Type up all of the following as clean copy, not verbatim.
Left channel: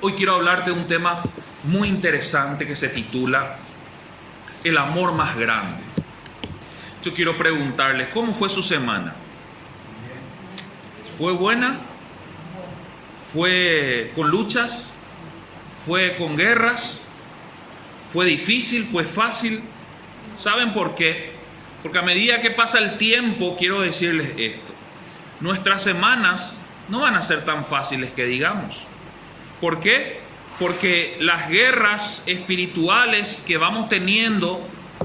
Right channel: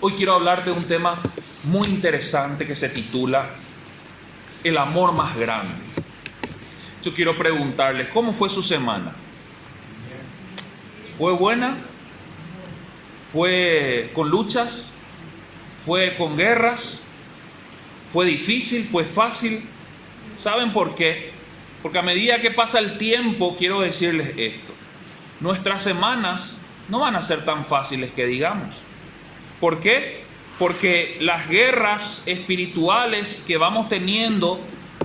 Hoy quiero hablarte de un tema muy interesante que se titula El amor más grande. Yo quiero preguntarles, ¿cómo fue su semana? ¿Fue buena? ¿Fue con luchas? ¿Fue con guerras? ¿Fue difícil? ¿Fue fácil? ¿Saben por qué? Porque a medida que pasa el tiempo, quiero decirles esto: nuestras semanas no van a ser tan fáciles que digamos. ¿Por qué? Porque las guerras espirituales que vamos teniendo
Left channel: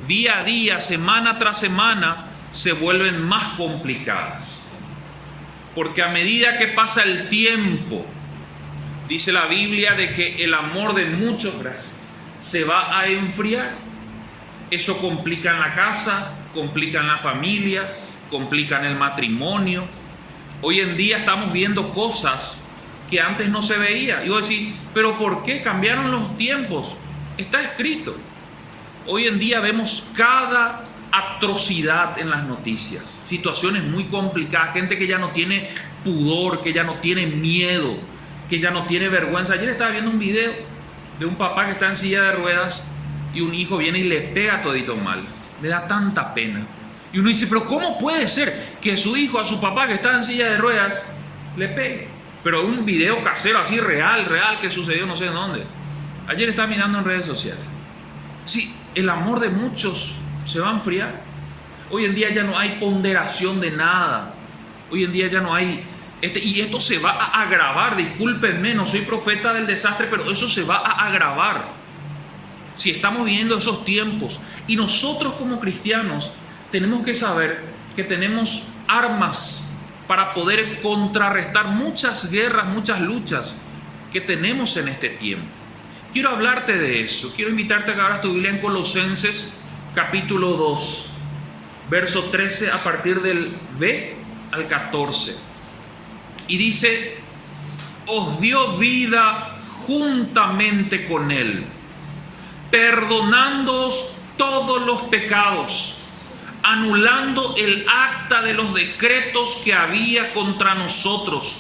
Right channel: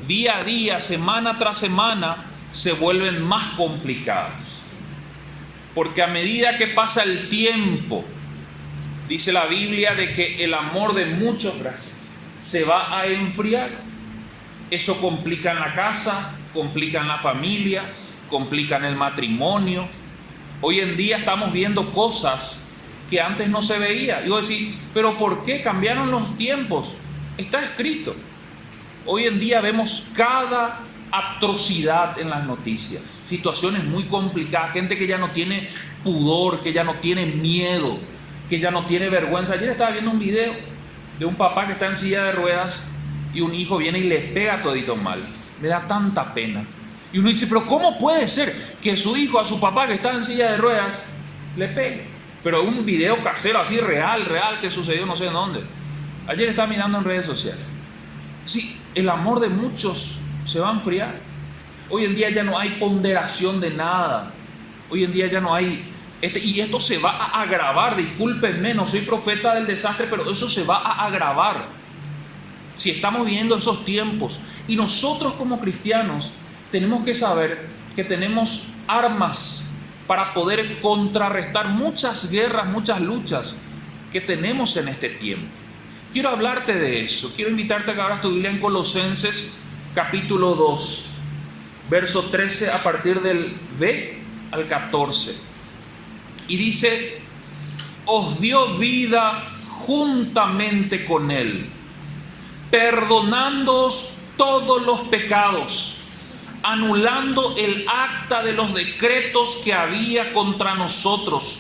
día a día, semana tras semana, se vuelven más complicadas. Porque a medida que pasa el tiempo, dice la Biblia de que el amor de muchos se va a enfriar. Eso complica en la casa, complica en la familia, complica en el matrimonio. Hoy en día estamos viendo cosas que antes no se veía. Y vos decís, ¿pero por qué cambiaron los tiempos? Está escrito. Hoy en día vemos cada atrocidad en las noticias, situaciones muy complicadas, gente que ya no tiene pudor, que ya no tiene miedo, que ya no tiene vergüenza. Ayer estaba viendo un video de un papá que está en silla de ruedas y un hijo viene y le pega todito mal. Me da tanta pena. Y uno dice, pero ¿cómo puede ser que su hijo a su papá que está en silla de ruedas le pegue? Pero un video casero así real que sucedió no sé en dónde. Ayer estaba mirando en redes sociales. Sí, el amor de muchos se va a enfriar. Hoy en día ya no hay ponderación de nada. Hoy en día ya no hay... y esto se va a agravar. Discúlpenme, no soy profeta del desastre, pero eso se va a agravar. Si estamos viviendo esos tiempos. Y nosotros como cristianos tenemos que saber que tenemos armas para poder contrarrestar muchas guerras, muchas luchas que tenemos en este tiempo. Quiero hablarte de eso. Quiero invitarte a que abras tu Biblia en Colosenses capítulo 2, verso 13 a partir del B al 14. Y dice, os dio vida juntamente con Él, perdonándoos todos los pecados, anulando el acta de los decretos que había contra nosotros,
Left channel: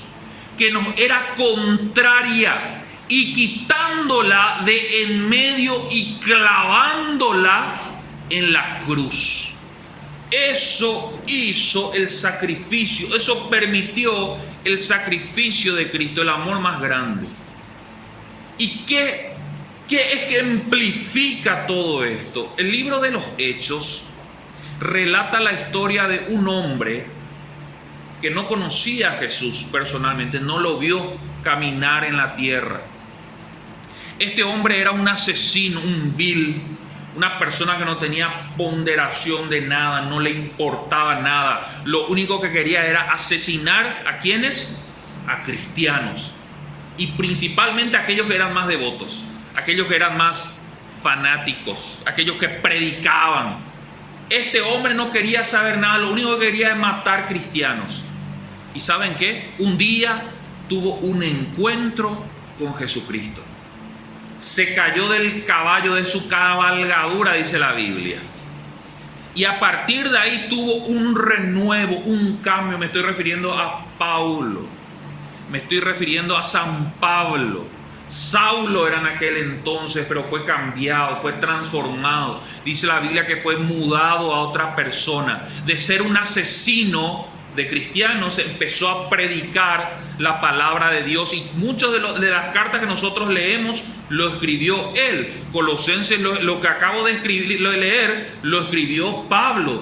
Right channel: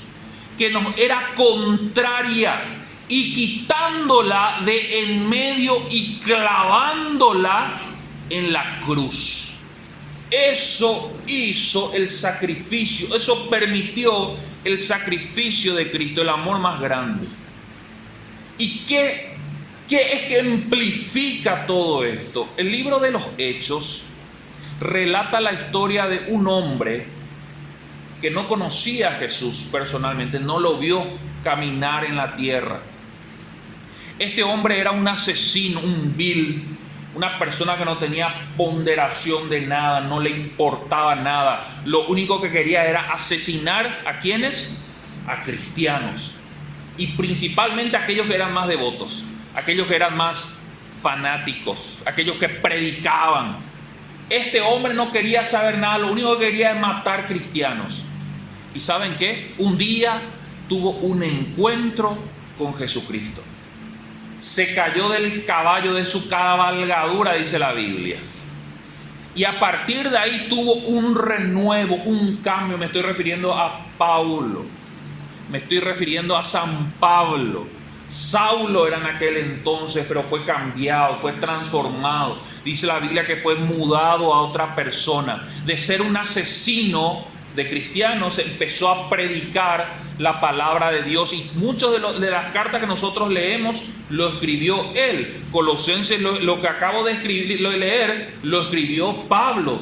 que nos era contraria, y quitándola de en medio y clavándola en la cruz. Eso hizo el sacrificio, eso permitió el sacrificio de Cristo, el amor más grande. ¿Y qué ejemplifica todo esto? El libro de los Hechos relata la historia de un hombre que no conocía a Jesús personalmente, no lo vio caminar en la tierra. Este hombre era un asesino, un vil, una persona que no tenía ponderación de nada, no le importaba nada. Lo único que quería era asesinar ¿a quiénes? A cristianos. Y principalmente a aquellos que eran más devotos, aquellos que eran más fanáticos, aquellos que predicaban. Este hombre no quería saber nada, lo único que quería es matar cristianos. ¿Y saben qué? Un día tuvo un encuentro con Jesucristo. Se cayó del caballo de su cabalgadura, dice la Biblia. Y a partir de ahí tuvo un renuevo, un cambio. Me estoy refiriendo a Paulo. Me estoy refiriendo a San Pablo. Saulo era en aquel entonces, pero fue cambiado, fue transformado. Dice la Biblia que fue mudado a otra persona. De ser un asesino de cristianos, empezó a predicar la palabra de Dios. Y muchas de las cartas que nosotros leemos, lo escribió él. Colosenses, lo que acabo de leer, lo escribió Pablo.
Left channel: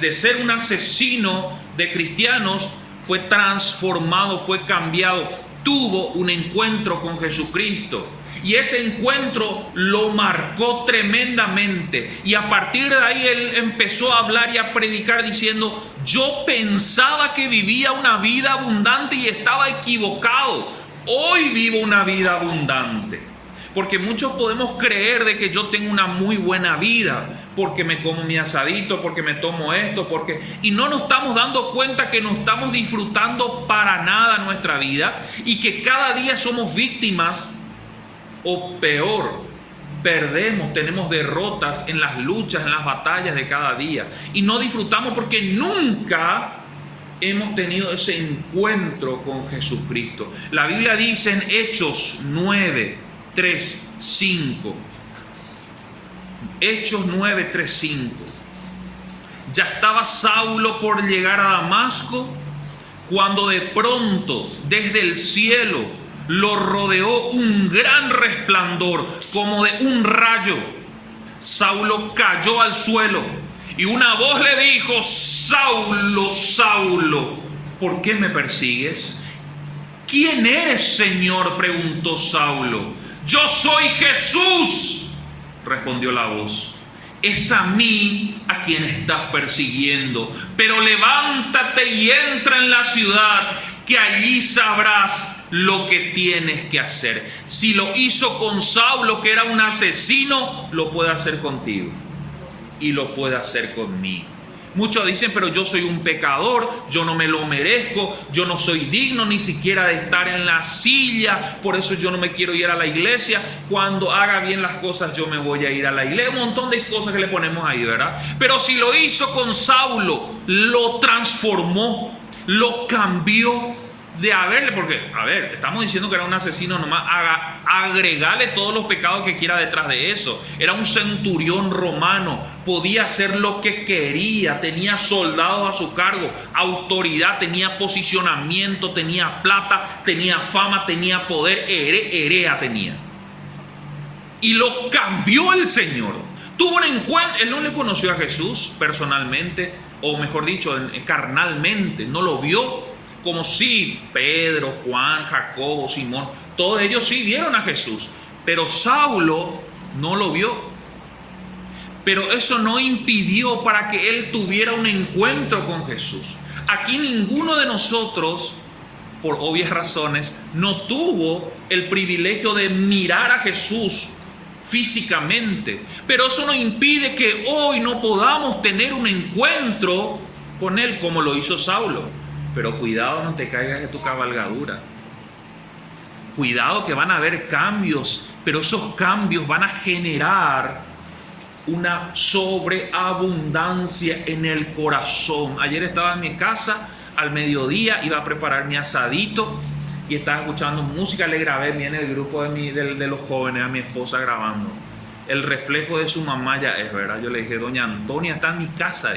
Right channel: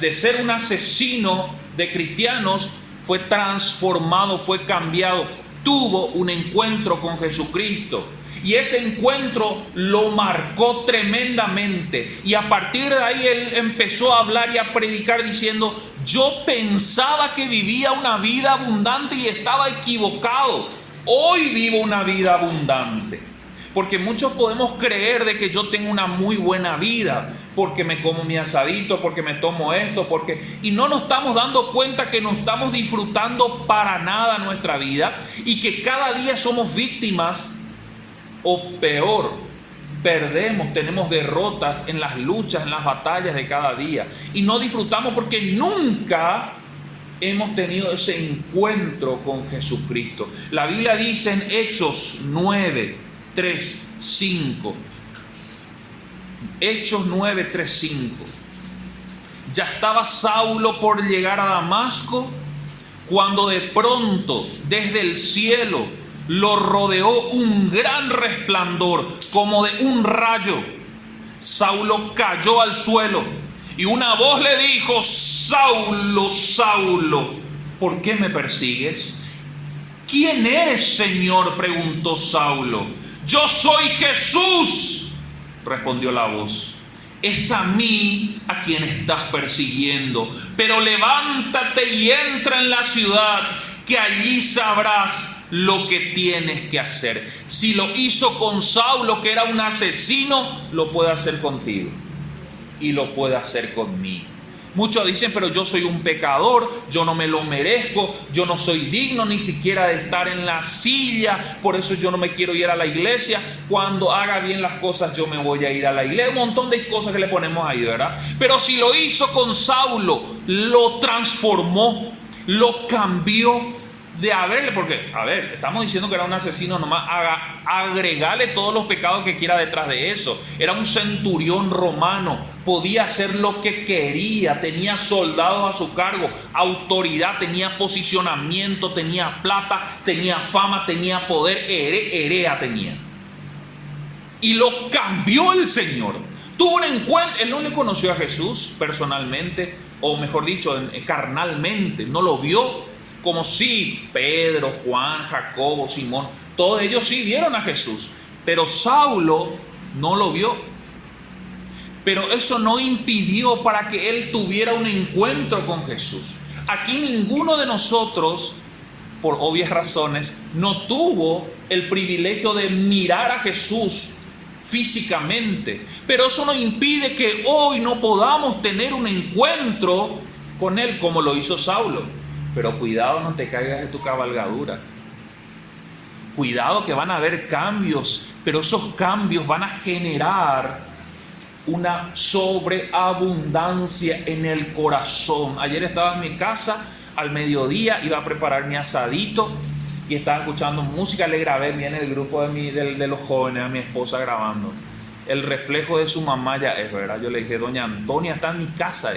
De ser un asesino de cristianos, fue transformado, fue cambiado. Tuvo un encuentro con Jesucristo y ese encuentro lo marcó tremendamente, y a partir de ahí él empezó a hablar y a predicar diciendo: yo pensaba que vivía una vida abundante y estaba equivocado. Hoy vivo una vida abundante. Porque muchos podemos creer de que yo tengo una muy buena vida, porque me como mi asadito, porque me tomo esto, y no nos estamos dando cuenta que no estamos disfrutando para nada nuestra vida, y que cada día somos víctimas, o peor, perdemos, tenemos derrotas en las luchas, en las batallas de cada día, y no disfrutamos porque nunca hemos tenido ese encuentro con Jesucristo. La Biblia dice en Hechos 9, 3, 5. Hechos 9, 3, 5. Ya estaba Saulo por llegar a Damasco, cuando de pronto desde el cielo lo rodeó un gran resplandor como de un rayo. Saulo cayó al suelo y una voz le dijo: Saulo, Saulo, ¿por qué me persigues? ¿Quién eres, Señor?, preguntó Saulo. Yo soy Jesús, respondió la voz. Es a mí a quien estás persiguiendo, pero levántate y entra en la ciudad, que allí sabrás lo que tienes que hacer. Si lo hizo con Saulo, que era un asesino, lo puede hacer contigo y lo puede hacer conmigo. Muchos dicen: pero yo soy un pecador, yo no me lo merezco, yo no soy digno ni siquiera de estar en la silla, por eso yo no me quiero ir a la iglesia. Cuando haga bien las cosas yo me voy a ir a la iglesia. Un montón de cosas que le ponemos ahí, ¿verdad? Pero si lo hizo con Saulo, lo transformó, lo cambió de haberle, porque, a ver, estamos diciendo que era un asesino nomás, agregarle todos los pecados que quiera detrás de eso. Era un centurión romano, podía hacer lo que quería, tenía soldados a su cargo, autoridad, tenía posicionamiento, tenía plata, tenía fama, tenía poder, herea tenía. Y lo cambió el Señor. Tuvo un encuentro, él no le conoció a Jesús personalmente, o mejor dicho, carnalmente, no lo vio. Como si Pedro, Juan, Jacobo, Simón, todos ellos sí vieron a Jesús, pero Saulo no lo vio. Pero eso no impidió para que él tuviera un encuentro con Jesús. Aquí ninguno de nosotros, por obvias razones, no tuvo el privilegio de mirar a Jesús físicamente, pero eso no impide que hoy no podamos tener un encuentro con él como lo hizo Saulo. Pero cuidado, no te caigas de tu cabalgadura. Cuidado, que van a haber cambios, pero esos cambios van a generar una sobreabundancia en el corazón. Ayer estaba en mi casa al mediodía, iba a preparar mi asadito y estaba escuchando música. Le grabé bien el grupo de los jóvenes, a mi esposa grabando. El reflejo de su mamá ya es, ¿verdad? Yo le dije: doña Antonia está en mi casa,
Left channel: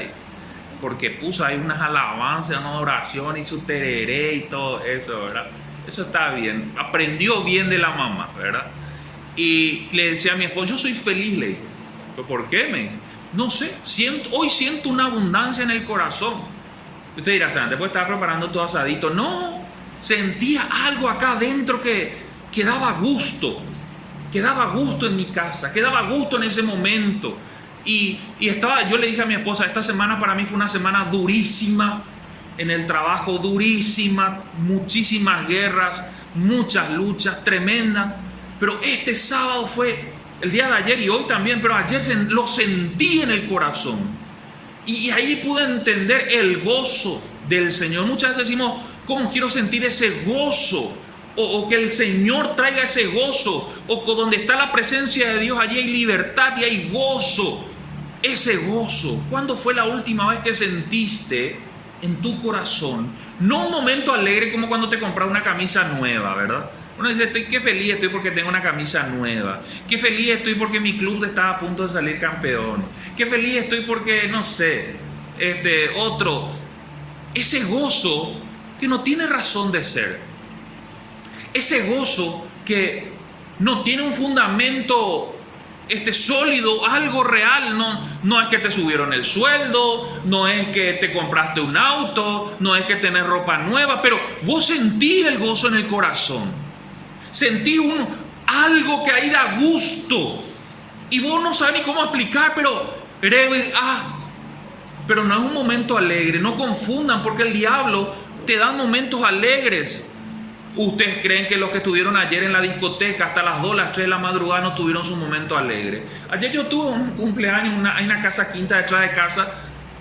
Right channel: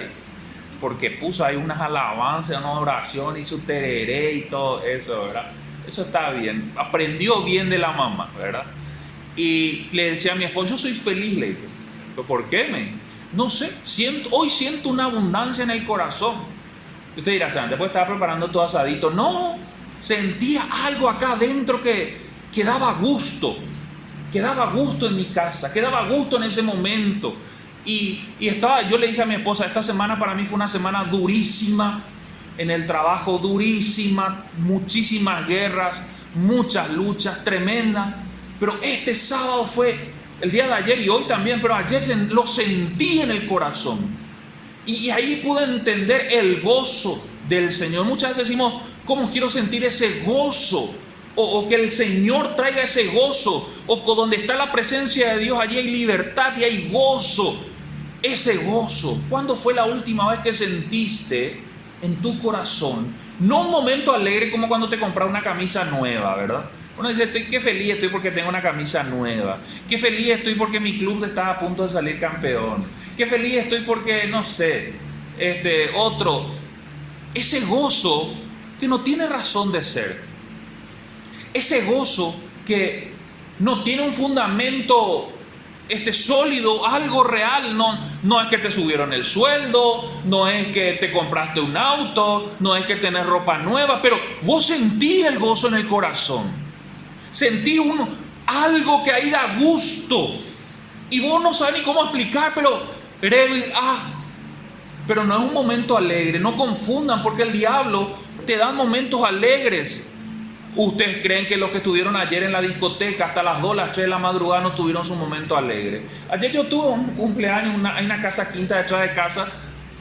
porque puso ahí unas alabanzas, una oración y su tereré y todo eso, ¿verdad? Eso está bien, aprendió bien de la mamá, ¿verdad? Y le decía a mi esposo: yo soy feliz, le dije. ¿Por qué? Me dice: no sé, hoy siento una abundancia en el corazón. Usted dirá: antes puede estar preparando todo asadito. No, sentía algo acá adentro que daba gusto en mi casa, que daba gusto en ese momento. Y yo le dije a mi esposa: esta semana para mí fue una semana durísima en el trabajo, durísima, muchísimas guerras, muchas luchas tremendas, pero este sábado fue, el día de ayer y hoy también, pero ayer lo sentí en el corazón y ahí pude entender el gozo del Señor. Muchas veces decimos: ¿cómo quiero sentir ese gozo? O que el Señor traiga ese gozo, o donde está la presencia de Dios, allí hay libertad y hay gozo. Ese gozo, ¿cuándo fue la última vez que sentiste en tu corazón? No un momento alegre como cuando te compras una camisa nueva, ¿verdad? Uno dice: qué feliz estoy porque tengo una camisa nueva. Qué feliz estoy porque mi club está a punto de salir campeón. Qué feliz estoy porque, no sé, otro. Ese gozo que no tiene razón de ser. Ese gozo que no tiene un fundamento sólido, algo real. No es que te subieron el sueldo, no es que te compraste un auto, no es que tenés ropa nueva, pero vos sentís el gozo en el corazón, sentís algo que ahí da gusto y vos no sabés ni cómo explicar, pero no es un momento alegre. No confundan, porque el diablo te da momentos alegres. ¿Ustedes creen que los que estuvieron ayer en la discoteca hasta las 2, las 3 de la madrugada no tuvieron su momento alegre? Ayer yo tuve un cumpleaños en una casa quinta detrás de casa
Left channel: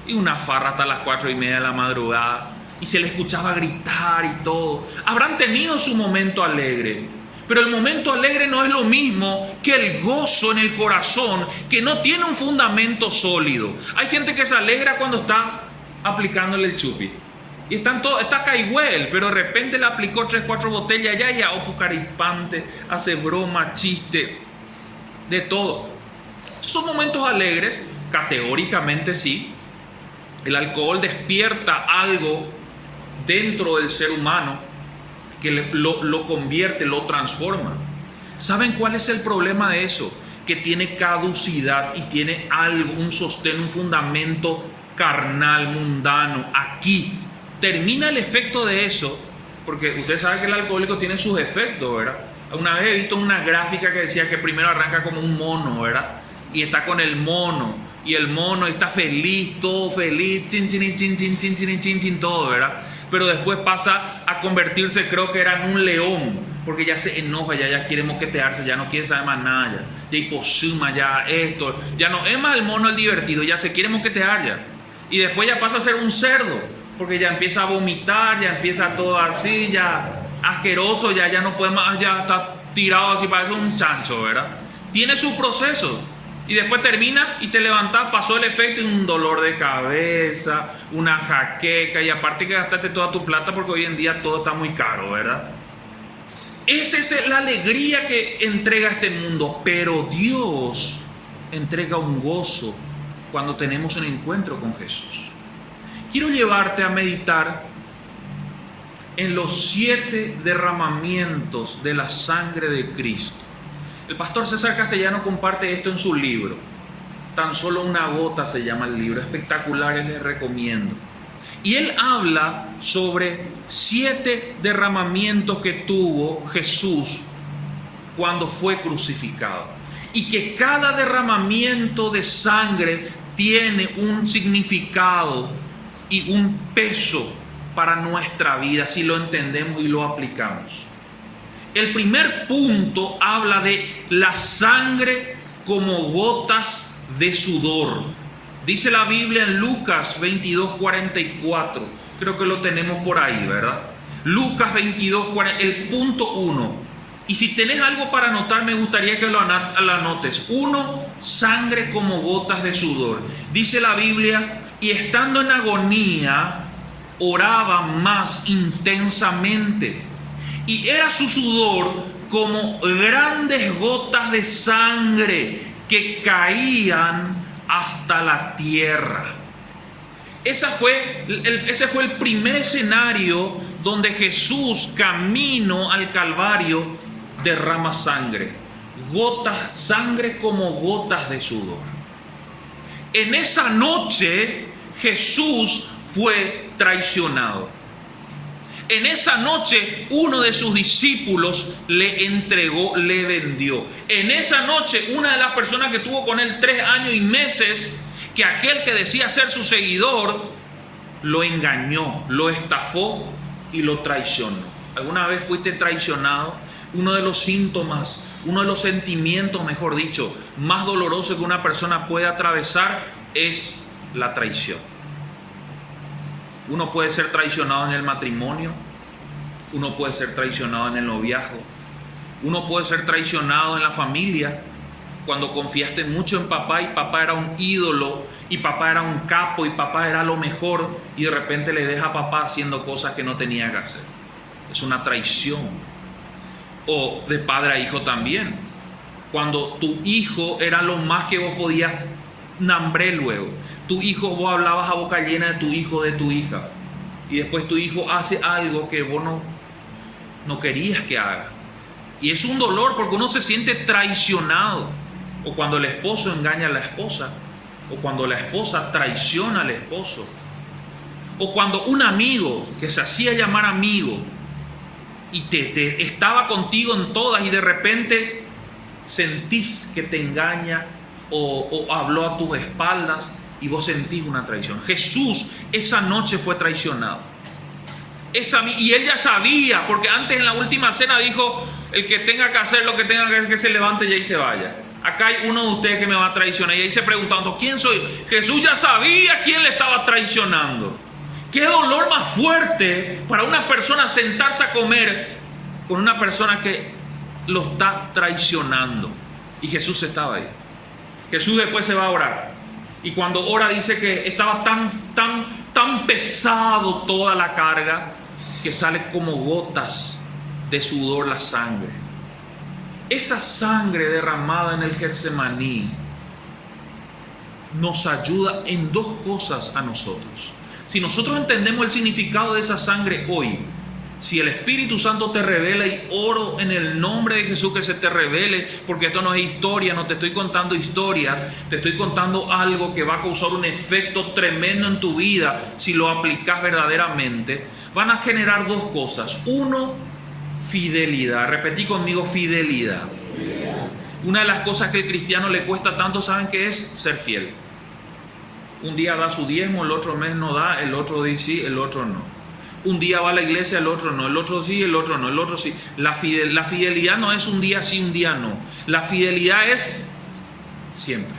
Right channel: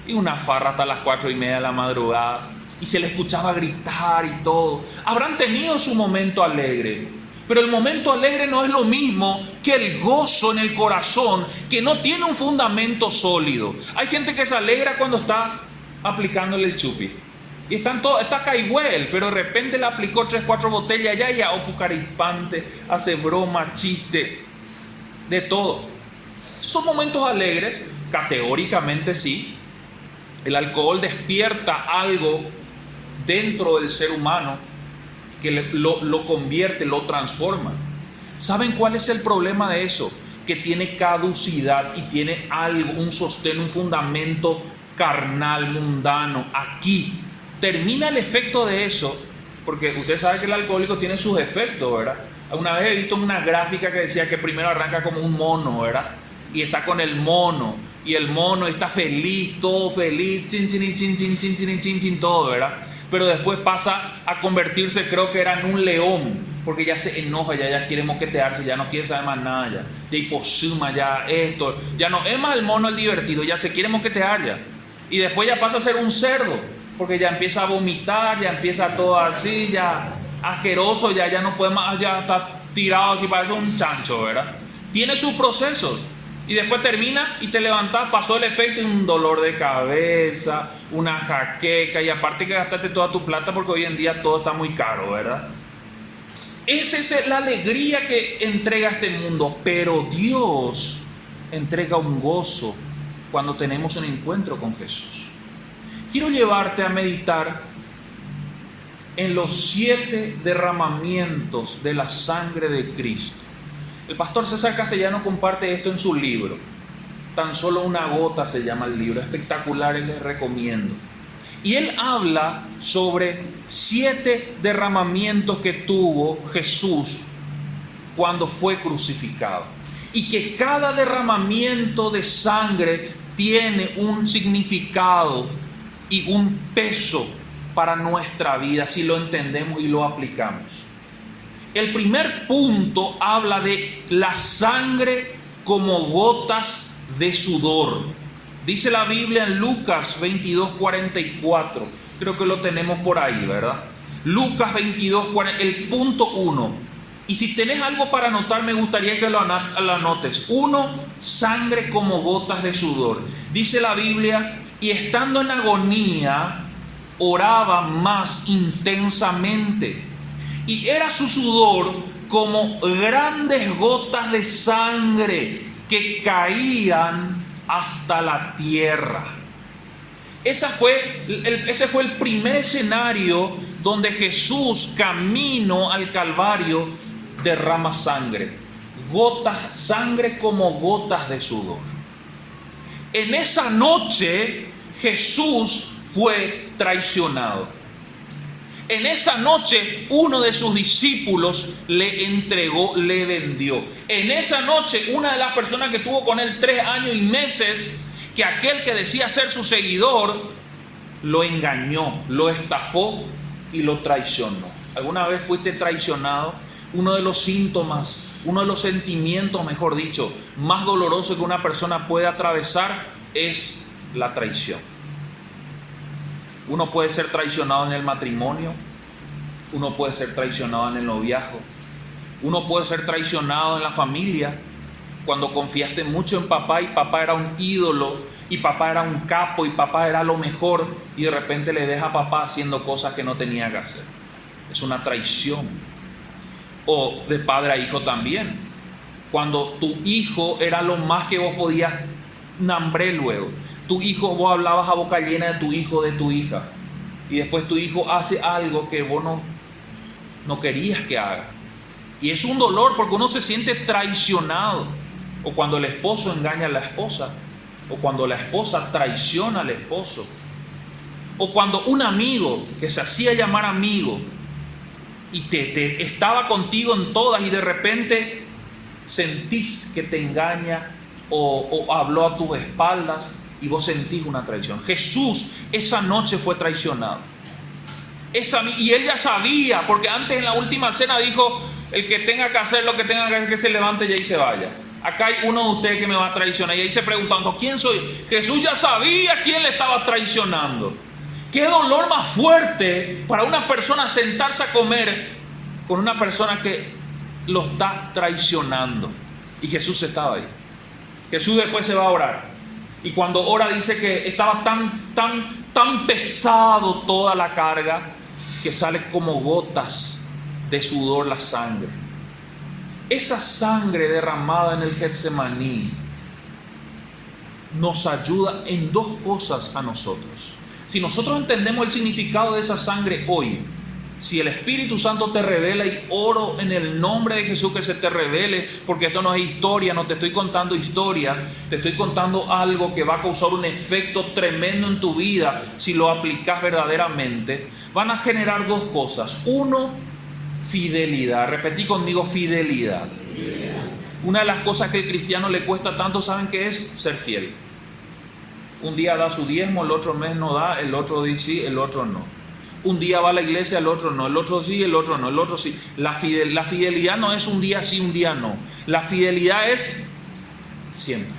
y una farra hasta las 4:30 de la madrugada y se le escuchaba gritar y todo. Habrán tenido su momento alegre, pero el momento alegre no es lo mismo que el gozo en el corazón que no tiene un fundamento sólido. Hay gente que se alegra cuando está aplicándole el chupi. Y está caigüel, pero de repente le aplicó 3, 4 botellas ya pucaripante, hace broma, chiste, de todo. Son momentos alegres, categóricamente sí. El alcohol despierta algo dentro del ser humano que lo convierte, lo transforma. ¿Saben cuál es el problema de eso? Que tiene caducidad y tiene algo, un sostén, un fundamento carnal, mundano. Aquí termina el efecto de eso, porque usted sabe que el alcohólico tiene sus efectos, ¿verdad? Una vez he visto una gráfica que decía que primero arranca como un mono, ¿verdad? Y está con el mono, y el mono está feliz, todo feliz, chin, chin, chin, chin, chin, chin, chin, chin, todo, ¿verdad? Pero después pasa a convertirse, creo que era en un león, porque ya se enoja, ya quiere moquetearse, ya no quiere saber más nada, ya hiposuma, ya esto, ya no es más el mono el divertido, ya se quiere moquetear ya. Y después ya pasa a ser un cerdo, porque ya empieza a vomitar, ya empieza todo así, ya asqueroso, ya no puede más, ya está tirado así, parece un chancho, ¿verdad? Tiene su proceso. Y después termina y te levantas, pasó el efecto y un dolor de cabeza, una jaqueca, y aparte que gastaste toda tu plata porque hoy en día todo está muy caro, ¿verdad? Esa es la alegría que entrega este mundo, pero Dios entrega un gozo cuando tenemos un encuentro con Jesús. Quiero llevarte a meditar en los 7 derramamientos de la sangre de Cristo. El pastor César Castellano comparte esto en su libro. Tan solo una gota se llama el libro. Espectacular, les recomiendo. Y él habla sobre 7 derramamientos que tuvo Jesús cuando fue crucificado. Y que cada derramamiento de sangre tiene un significado y un peso para nuestra vida si lo entendemos y lo aplicamos. El primer punto habla de la sangre como gotas de sudor. Dice la Biblia en Lucas 22:44. Creo que lo tenemos por ahí, ¿verdad? Lucas 22:40, el punto 1. Y si tenés algo para anotar, me gustaría que lo anotes. 1, sangre como gotas de sudor. Dice la Biblia, y estando en agonía, oraba más intensamente. Y era su sudor como grandes gotas de sangre que caían hasta la tierra. Ese fue el primer escenario donde Jesús, camino al Calvario, derrama sangre. Sangre como gotas de sudor. En esa noche Jesús fue traicionado. En esa noche uno de sus discípulos le entregó, le vendió. En esa noche una de las personas que estuvo con él 3 años y meses, que aquel que decía ser su seguidor, lo engañó, lo estafó y lo traicionó. ¿Alguna vez fuiste traicionado? Uno de los síntomas, uno de los sentimientos, mejor dicho, más dolorosos que una persona puede atravesar es la traición. Uno puede ser traicionado en el matrimonio, uno puede ser traicionado en el noviazgo, uno puede ser traicionado en la familia, cuando confiaste mucho en papá y papá era un ídolo y papá era un capo y papá era lo mejor y de repente le deja a papá haciendo cosas que no tenía que hacer. Es una traición. O de padre a hijo también. Cuando tu hijo era lo más que vos podías nambré luego. Tu hijo, vos hablabas a boca llena de tu hijo, de tu hija. Y después tu hijo hace algo que vos no querías que haga. Y es un dolor porque uno se siente traicionado. O cuando el esposo engaña a la esposa. O cuando la esposa traiciona al esposo. O cuando un amigo que se hacía llamar amigo y te estaba contigo en todas y de repente sentís que te engaña o habló a tus espaldas y vos sentís una traición. Jesús esa noche fue traicionado. Y él ya sabía, porque antes en la última cena dijo, el que tenga que hacer lo que tenga que hacer, que se levante y ahí se vaya. Acá hay uno de ustedes que me va a traicionar. Y ahí se preguntando, ¿quién soy? Jesús ya sabía quién le estaba traicionando. Qué dolor más fuerte para una persona sentarse a comer con una persona que lo está traicionando. Y Jesús estaba ahí. Jesús después se va a orar. Y cuando ora dice que estaba tan tan pesado toda la carga, que sale como gotas de sudor la sangre. Esa sangre derramada en el Getsemaní nos ayuda en dos cosas a nosotros. Si nosotros entendemos el significado de esa sangre hoy, si el Espíritu Santo te revela, y oro en el nombre de Jesús que se te revele, porque esto no es historia, no te estoy contando historias, te estoy contando algo que va a causar un efecto tremendo en tu vida si lo aplicas verdaderamente. Van a generar dos cosas. Uno, fidelidad. Repetí conmigo, fidelidad. Una de las cosas que al cristiano le cuesta tanto, ¿saben qué es? Ser fiel. Un día da su diezmo, el otro mes no da, el otro dice sí, el otro no. Un día va a la iglesia, el otro no, el otro sí, el otro no, el otro sí. La fidelidad no es un día sí, un día no. La fidelidad es siempre.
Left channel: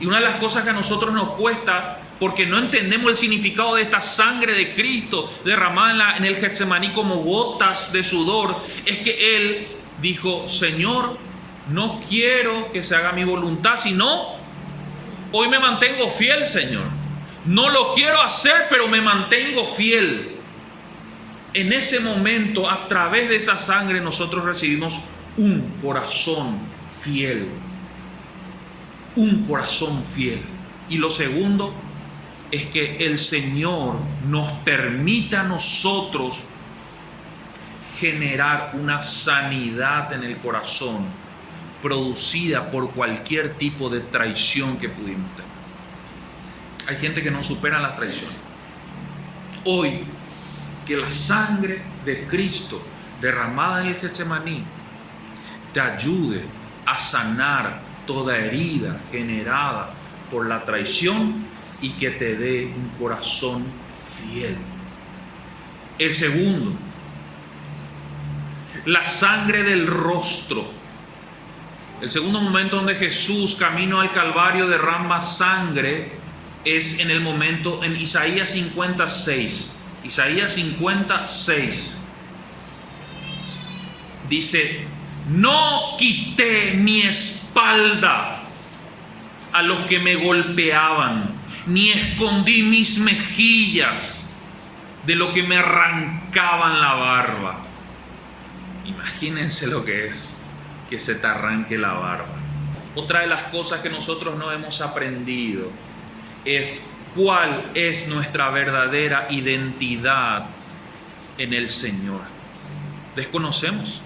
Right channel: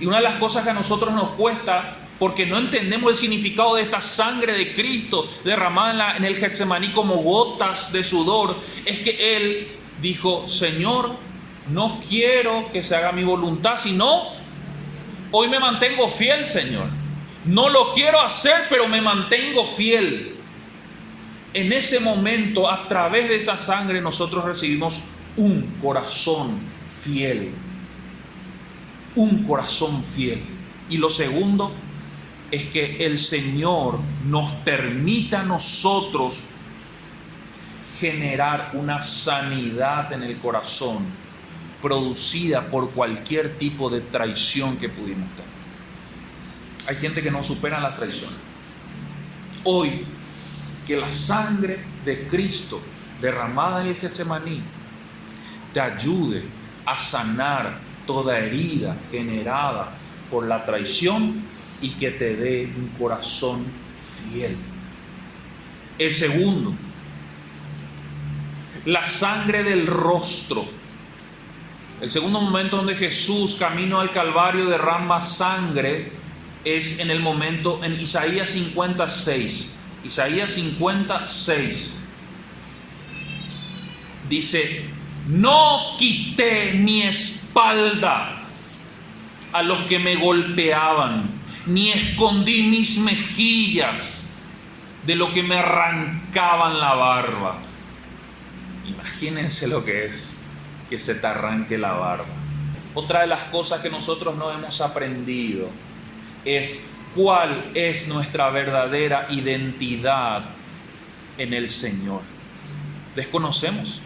Y una de las cosas que a nosotros nos cuesta, porque no entendemos el significado de esta sangre de Cristo derramada en el Getsemaní como gotas de sudor, es que Él dijo: Señor, no quiero que se haga mi voluntad, sino hoy me mantengo fiel, Señor. No lo quiero hacer, pero me mantengo fiel. En ese momento, a través de esa sangre, nosotros recibimos un corazón fiel. Un corazón fiel. Y lo segundo es que el Señor nos permite a nosotros generar una sanidad en el corazón producida por cualquier tipo de traición que pudimos tener. Hay gente que no supera las traiciones. Hoy, que la sangre de Cristo derramada en el Getsemaní te ayude a sanar toda herida generada por la traición y que te dé un corazón fiel. El segundo, la sangre del rostro. El segundo momento donde Jesús, camino al Calvario, derrama sangre es en el momento en Isaías 56. Isaías 56 dice: no quité mi espalda a los que me golpeaban, ni escondí mis mejillas de lo que me arrancaban la barba. Imagínense lo que es que se te arranque la barba. Otra de las cosas que nosotros no hemos aprendido es cuál es nuestra verdadera identidad en el Señor. Desconocemos.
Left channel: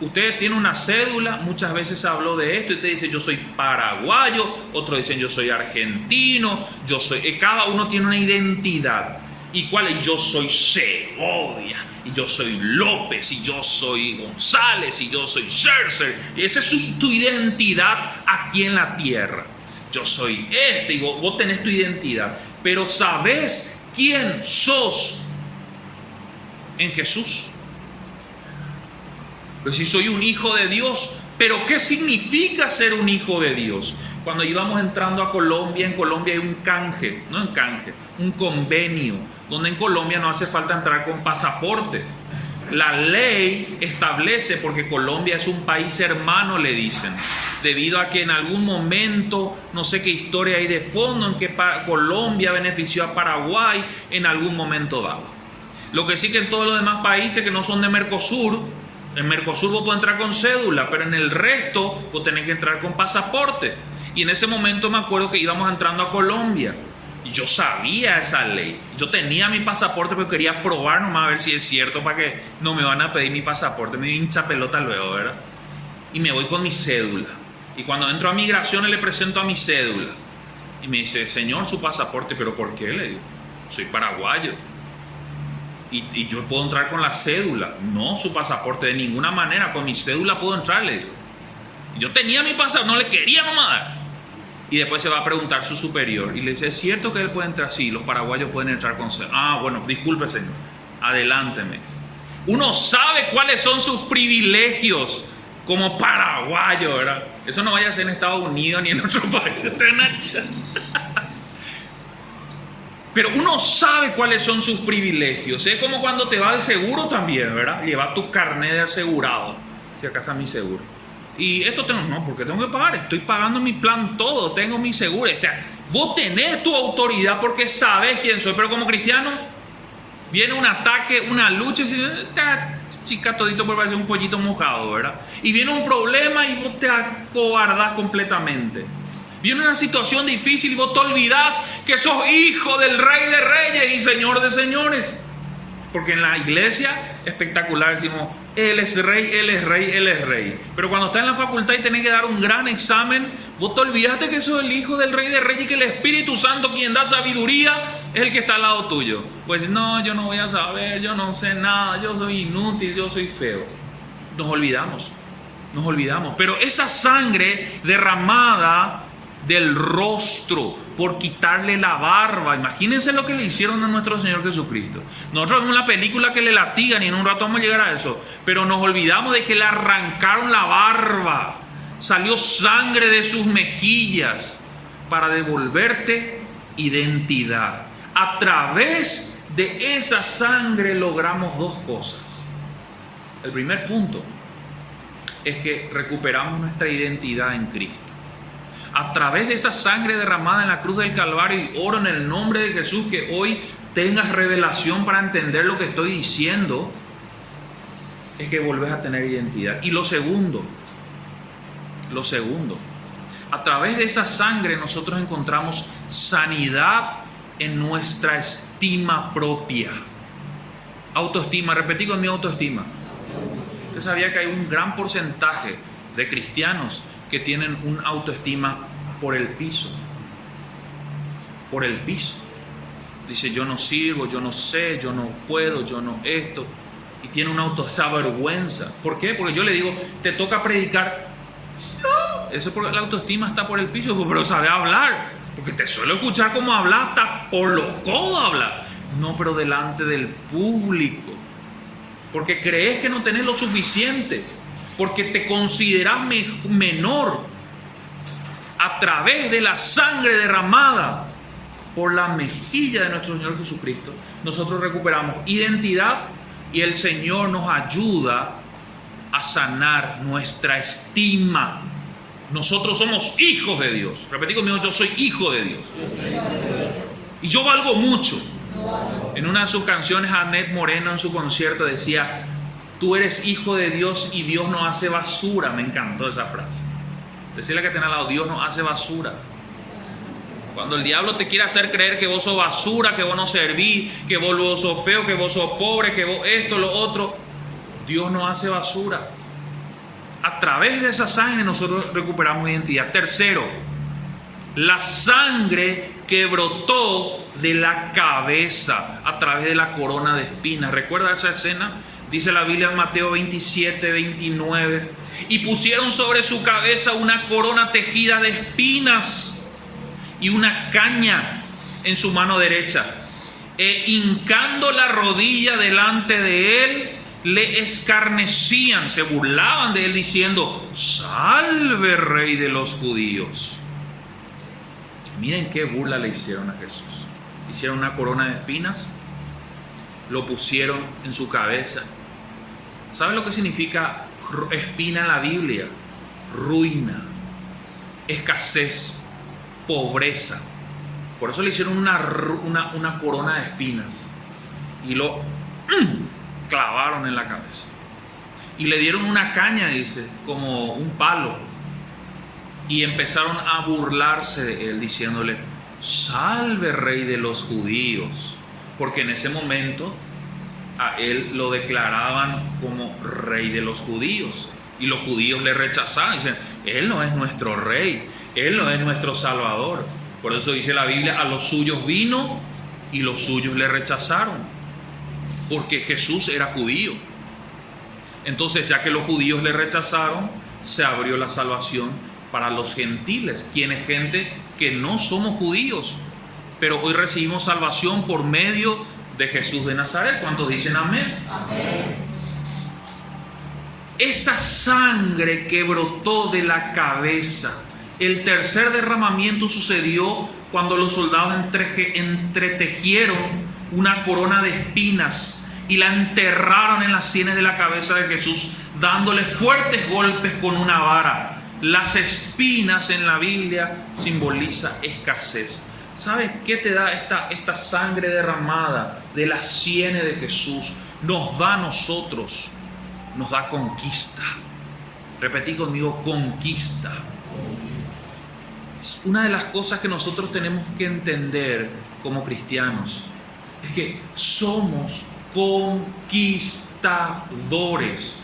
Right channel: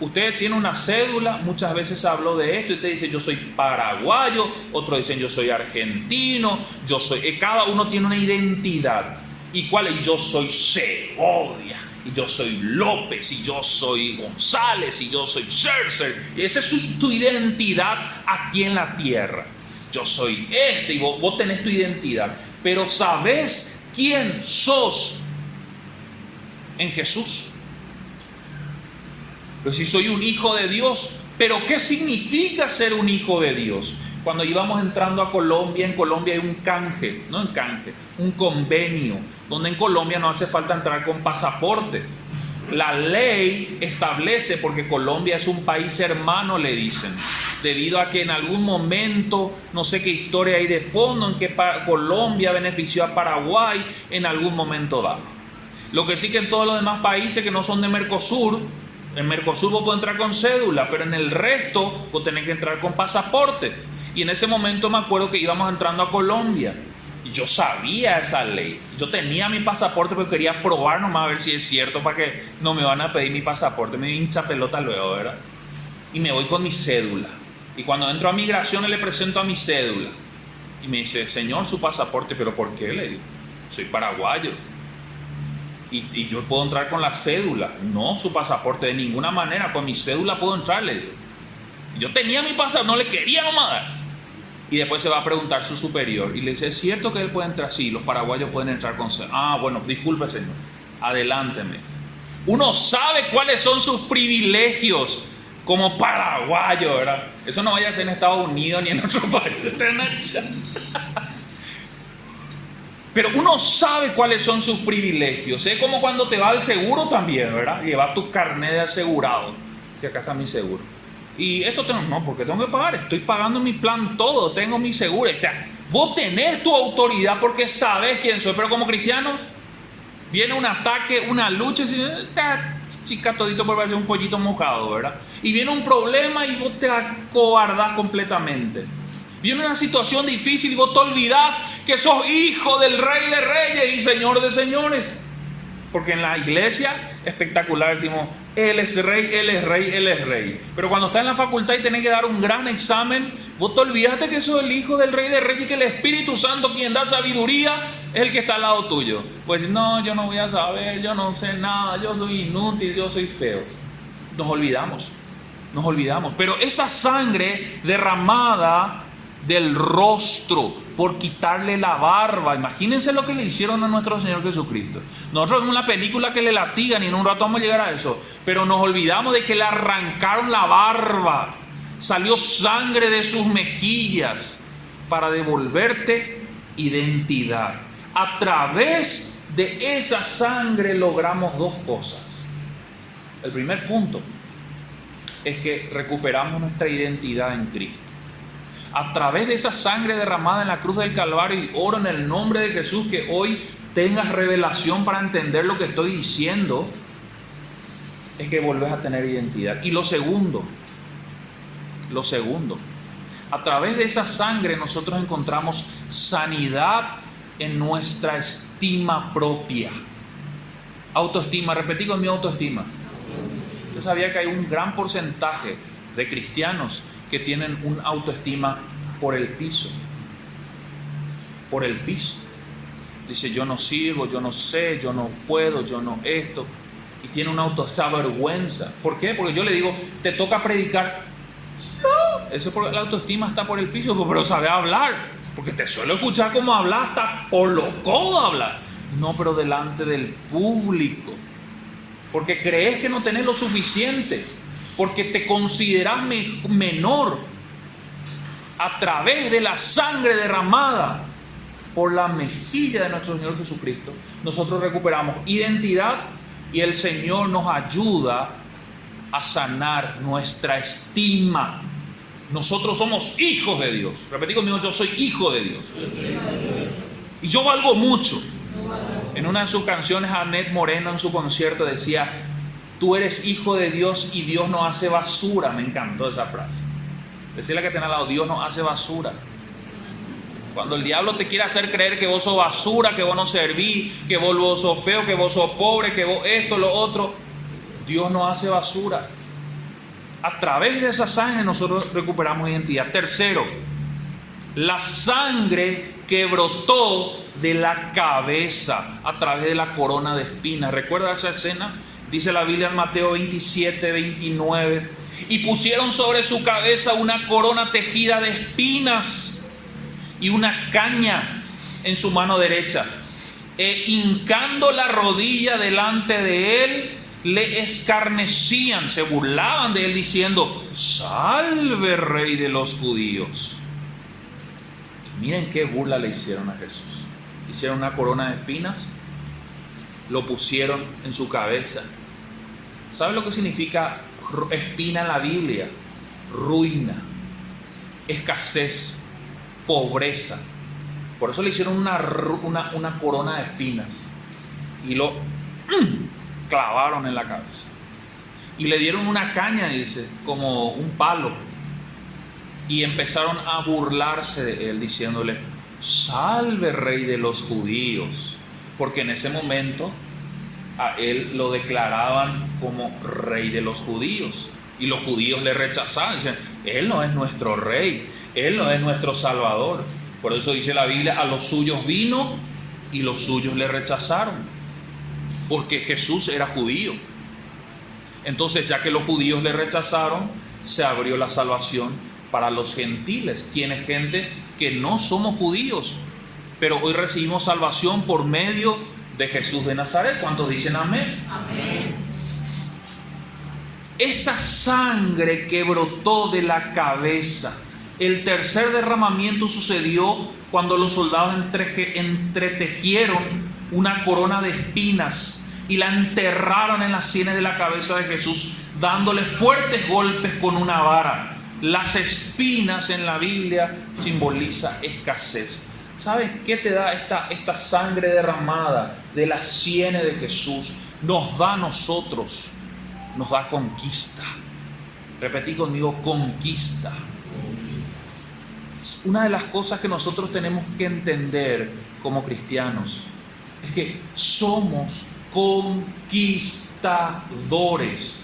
Usted tiene una cédula, muchas veces se habló de esto, y usted dice: yo soy paraguayo, otros dicen: yo soy argentino, yo soy... Cada uno tiene una identidad. ¿Y cuál es? Yo soy Segovia, y yo soy López, y yo soy González, y yo soy Scherzer. Y esa es tu identidad aquí en la tierra. Yo soy y vos tenés tu identidad. Pero ¿sabés quién sos en Jesús? Pues si soy un hijo de Dios, ¿pero qué significa ser un hijo de Dios? Cuando íbamos entrando a Colombia, en Colombia hay un convenio, donde en Colombia no hace falta entrar con pasaporte. La ley establece, porque Colombia es un país hermano, le dicen, debido a que en algún momento, no sé qué historia hay de fondo, en que Colombia benefició a Paraguay en algún momento dado. Lo que sí, que en todos los demás países que no son de Mercosur, en Mercosur vos podés entrar con cédula, pero en el resto vos tenés que entrar con pasaporte. Y en ese momento me acuerdo que íbamos entrando a Colombia y yo sabía esa ley. Yo tenía mi pasaporte, pero quería probar nomás a ver si es cierto, para que no me van a pedir mi pasaporte. Me hincha pelota luego, ¿verdad? Y me voy con mi cédula. Y cuando entro a migración le presento a mi cédula. Y me dice: señor, su pasaporte. ¿Pero por qué? Le digo: soy paraguayo. Y yo puedo entrar con la cédula. No, su pasaporte, de ninguna manera. Con mi cédula puedo entrar, le digo. Yo tenía mi pasaporte, no le quería nomás dar. Y después se va a preguntar su superior y le dice: ¿es cierto que él puede entrar? Sí, los paraguayos pueden entrar con cédula. Ah, bueno, disculpe, señor, adelánteme. Uno sabe cuáles son sus privilegios como paraguayo, ¿verdad? Eso no vaya a ser en Estados Unidos ni en otro país. Pero uno sabe cuáles son sus privilegios. Es como cuando te va al seguro también, ¿verdad? Lleva tu carnet de asegurado. Que acá está mi seguro. Y esto tengo, no, porque tengo que pagar. Estoy pagando mi plan todo. Tengo mi seguro. Vos tenés tu autoridad porque sabés quién soy, pero como cristianos viene un ataque, una lucha, y esta chica todito por parecer un pollito mojado, ¿verdad? Y viene un problema y vos te acobardás completamente. Viene una situación difícil y vos te olvidás que sos hijo del Rey de Reyes y Señor de Señores. Porque en la iglesia espectacular decimos, Él es Rey, Él es Rey, Él es Rey. Pero cuando estás en la facultad y tenés que dar un gran examen, vos te olvidaste que sos el hijo del Rey de Reyes y que el Espíritu Santo, quien da sabiduría, es el que está al lado tuyo. Pues no, yo no voy a saber, yo no sé nada, yo soy inútil, yo soy feo. Nos olvidamos. Pero esa sangre derramada del rostro por quitarle la barba, imagínense lo que le hicieron a nuestro Señor Jesucristo. Nosotros vemos una película que le latigan y en un rato vamos a llegar a eso, pero nos olvidamos de que le arrancaron la barba, salió sangre de sus mejillas para devolverte identidad. A través de esa sangre logramos dos cosas. El primer punto es que recuperamos nuestra identidad en Cristo. A través de esa sangre derramada en la cruz del Calvario, y oro en el nombre de Jesús que hoy tengas revelación para entender lo que estoy diciendo, es que volvés a tener identidad. Y lo segundo, a través de esa sangre nosotros encontramos sanidad en nuestra estima propia. Autoestima, repetí con mi autoestima. Usted sabía que hay un gran porcentaje de cristianos que tienen una autoestima por el piso. Dice, yo no sirvo, yo no sé, yo no puedo, yo no esto. Y tiene esa vergüenza. ¿Por qué? Porque yo le digo, te toca predicar. No, eso porque la autoestima está por el piso, pero sabe hablar. Porque te suelo escuchar cómo hablas, hasta por los codos hablar. No, pero delante del público. Porque crees que no tenés lo suficiente. Porque te consideras menor. A través de la sangre derramada por la mejilla de nuestro Señor Jesucristo, nosotros recuperamos identidad y el Señor nos ayuda a sanar nuestra estima. Nosotros somos hijos de Dios. Repetí conmigo, yo soy hijo de Dios. Y yo valgo mucho. En una de sus canciones, Annette Moreno en su concierto decía, tú eres hijo de Dios y Dios no hace basura. Me encantó esa frase. Decirle que tenés al lado, Dios no hace basura. Cuando el diablo te quiere hacer creer que vos sos basura, que vos no servís, que vos sos feo, que vos sos pobre, que vos esto, lo otro, Dios no hace basura. A través de esa sangre nosotros recuperamos identidad. Tercero, la sangre que brotó de la cabeza a través de la corona de espinas. ¿Recuerda esa escena? Dice la Biblia en Mateo 27, 29. Y pusieron sobre su cabeza una corona tejida de espinas y una caña en su mano derecha. E hincando la rodilla delante de él, le escarnecían, se burlaban de él diciendo, salve Rey de los judíos. Miren qué burla le hicieron a Jesús. Hicieron una corona de espinas, lo pusieron en su cabeza. ¿Saben lo que significa espina en la Biblia? Ruina, escasez, pobreza. Por eso le hicieron una corona de espinas y lo clavaron en la cabeza. Y le dieron una caña, dice, como un palo. Y empezaron a burlarse de él, diciéndole, salve Rey de los judíos. Porque en ese momento a él lo declaraban como Rey de los judíos. Y los judíos le rechazaban. Dicen, él no es nuestro Rey, él no es nuestro Salvador. Por eso dice la Biblia, a los suyos vino y los suyos le rechazaron. Porque Jesús era judío. Entonces, ya que los judíos le rechazaron, se abrió la salvación para los gentiles, quienes gente que no somos judíos, pero hoy recibimos salvación por medio de Jesús de Nazaret. ¿Cuántos dicen amén? Amén. Esa sangre que brotó de la cabeza, el tercer derramamiento sucedió cuando los soldados entretejieron una corona de espinas y la enterraron en las sienes de la cabeza de Jesús, dándole fuertes golpes con una vara. Las espinas en la Biblia simboliza escasez. ¿Sabes qué te da esta sangre derramada de las sienes de Jesús? Nos da a nosotros, nos da conquista. Repetí conmigo, conquista. Es una de las cosas que nosotros tenemos que entender como cristianos. Es que somos conquistadores.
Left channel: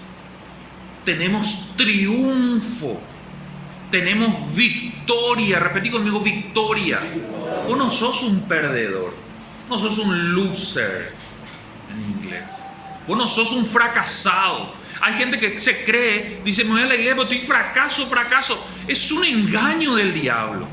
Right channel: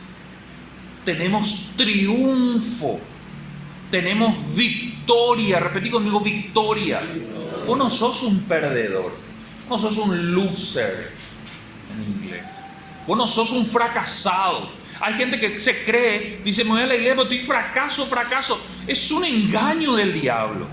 Tenemos triunfo. Tenemos victoria. Repetí conmigo, victoria. Vos no sos un perdedor. No sos un loser en inglés. Vos no sos un fracasado. Hay gente que se cree, dice, me voy a la iglesia, pero estoy fracaso. Es un engaño del diablo.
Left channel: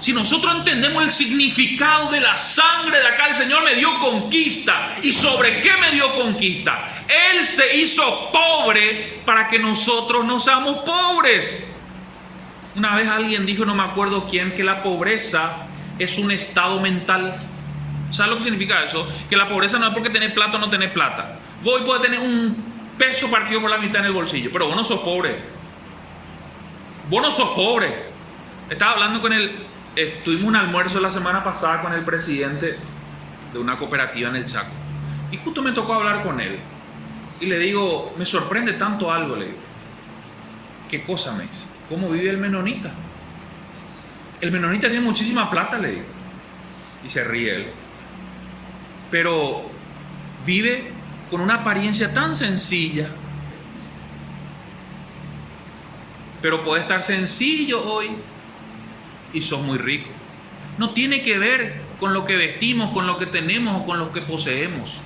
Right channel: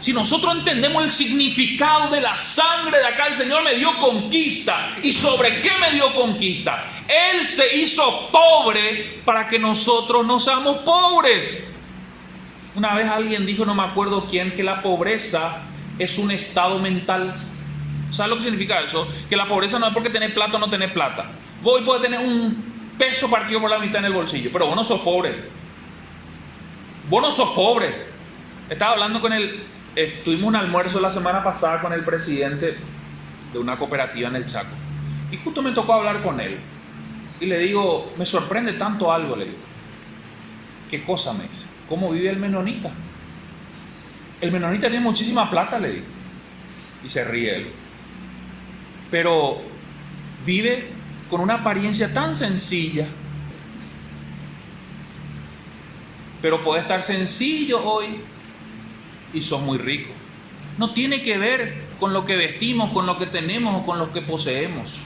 Si nosotros entendemos el significado de la sangre de acá, el Señor me dio conquista. ¿Y sobre qué me dio conquista? Él se hizo pobre para que nosotros no seamos pobres. Una vez alguien dijo, no me acuerdo quién, que la pobreza es un estado mental. ¿Sabes lo que significa eso? Que la pobreza no es porque tenés plata o no tenés plata. Vos podés tener un peso partido por la mitad en el bolsillo, pero vos no sos pobre. Vos no sos pobre. Estaba hablando con él. Tuvimos un almuerzo la semana pasada con el presidente de una cooperativa en el Chaco. Y justo me tocó hablar con él. Y le digo, me sorprende tanto algo, le digo. ¿Qué cosa me dice? ¿Cómo vive el menonita? El menonita tiene muchísima plata, le digo. Y se ríe él. Pero vive con una apariencia tan sencilla. Pero puede estar sencillo hoy y sos muy rico. No tiene que ver con lo que vestimos, con lo que tenemos o con lo que poseemos.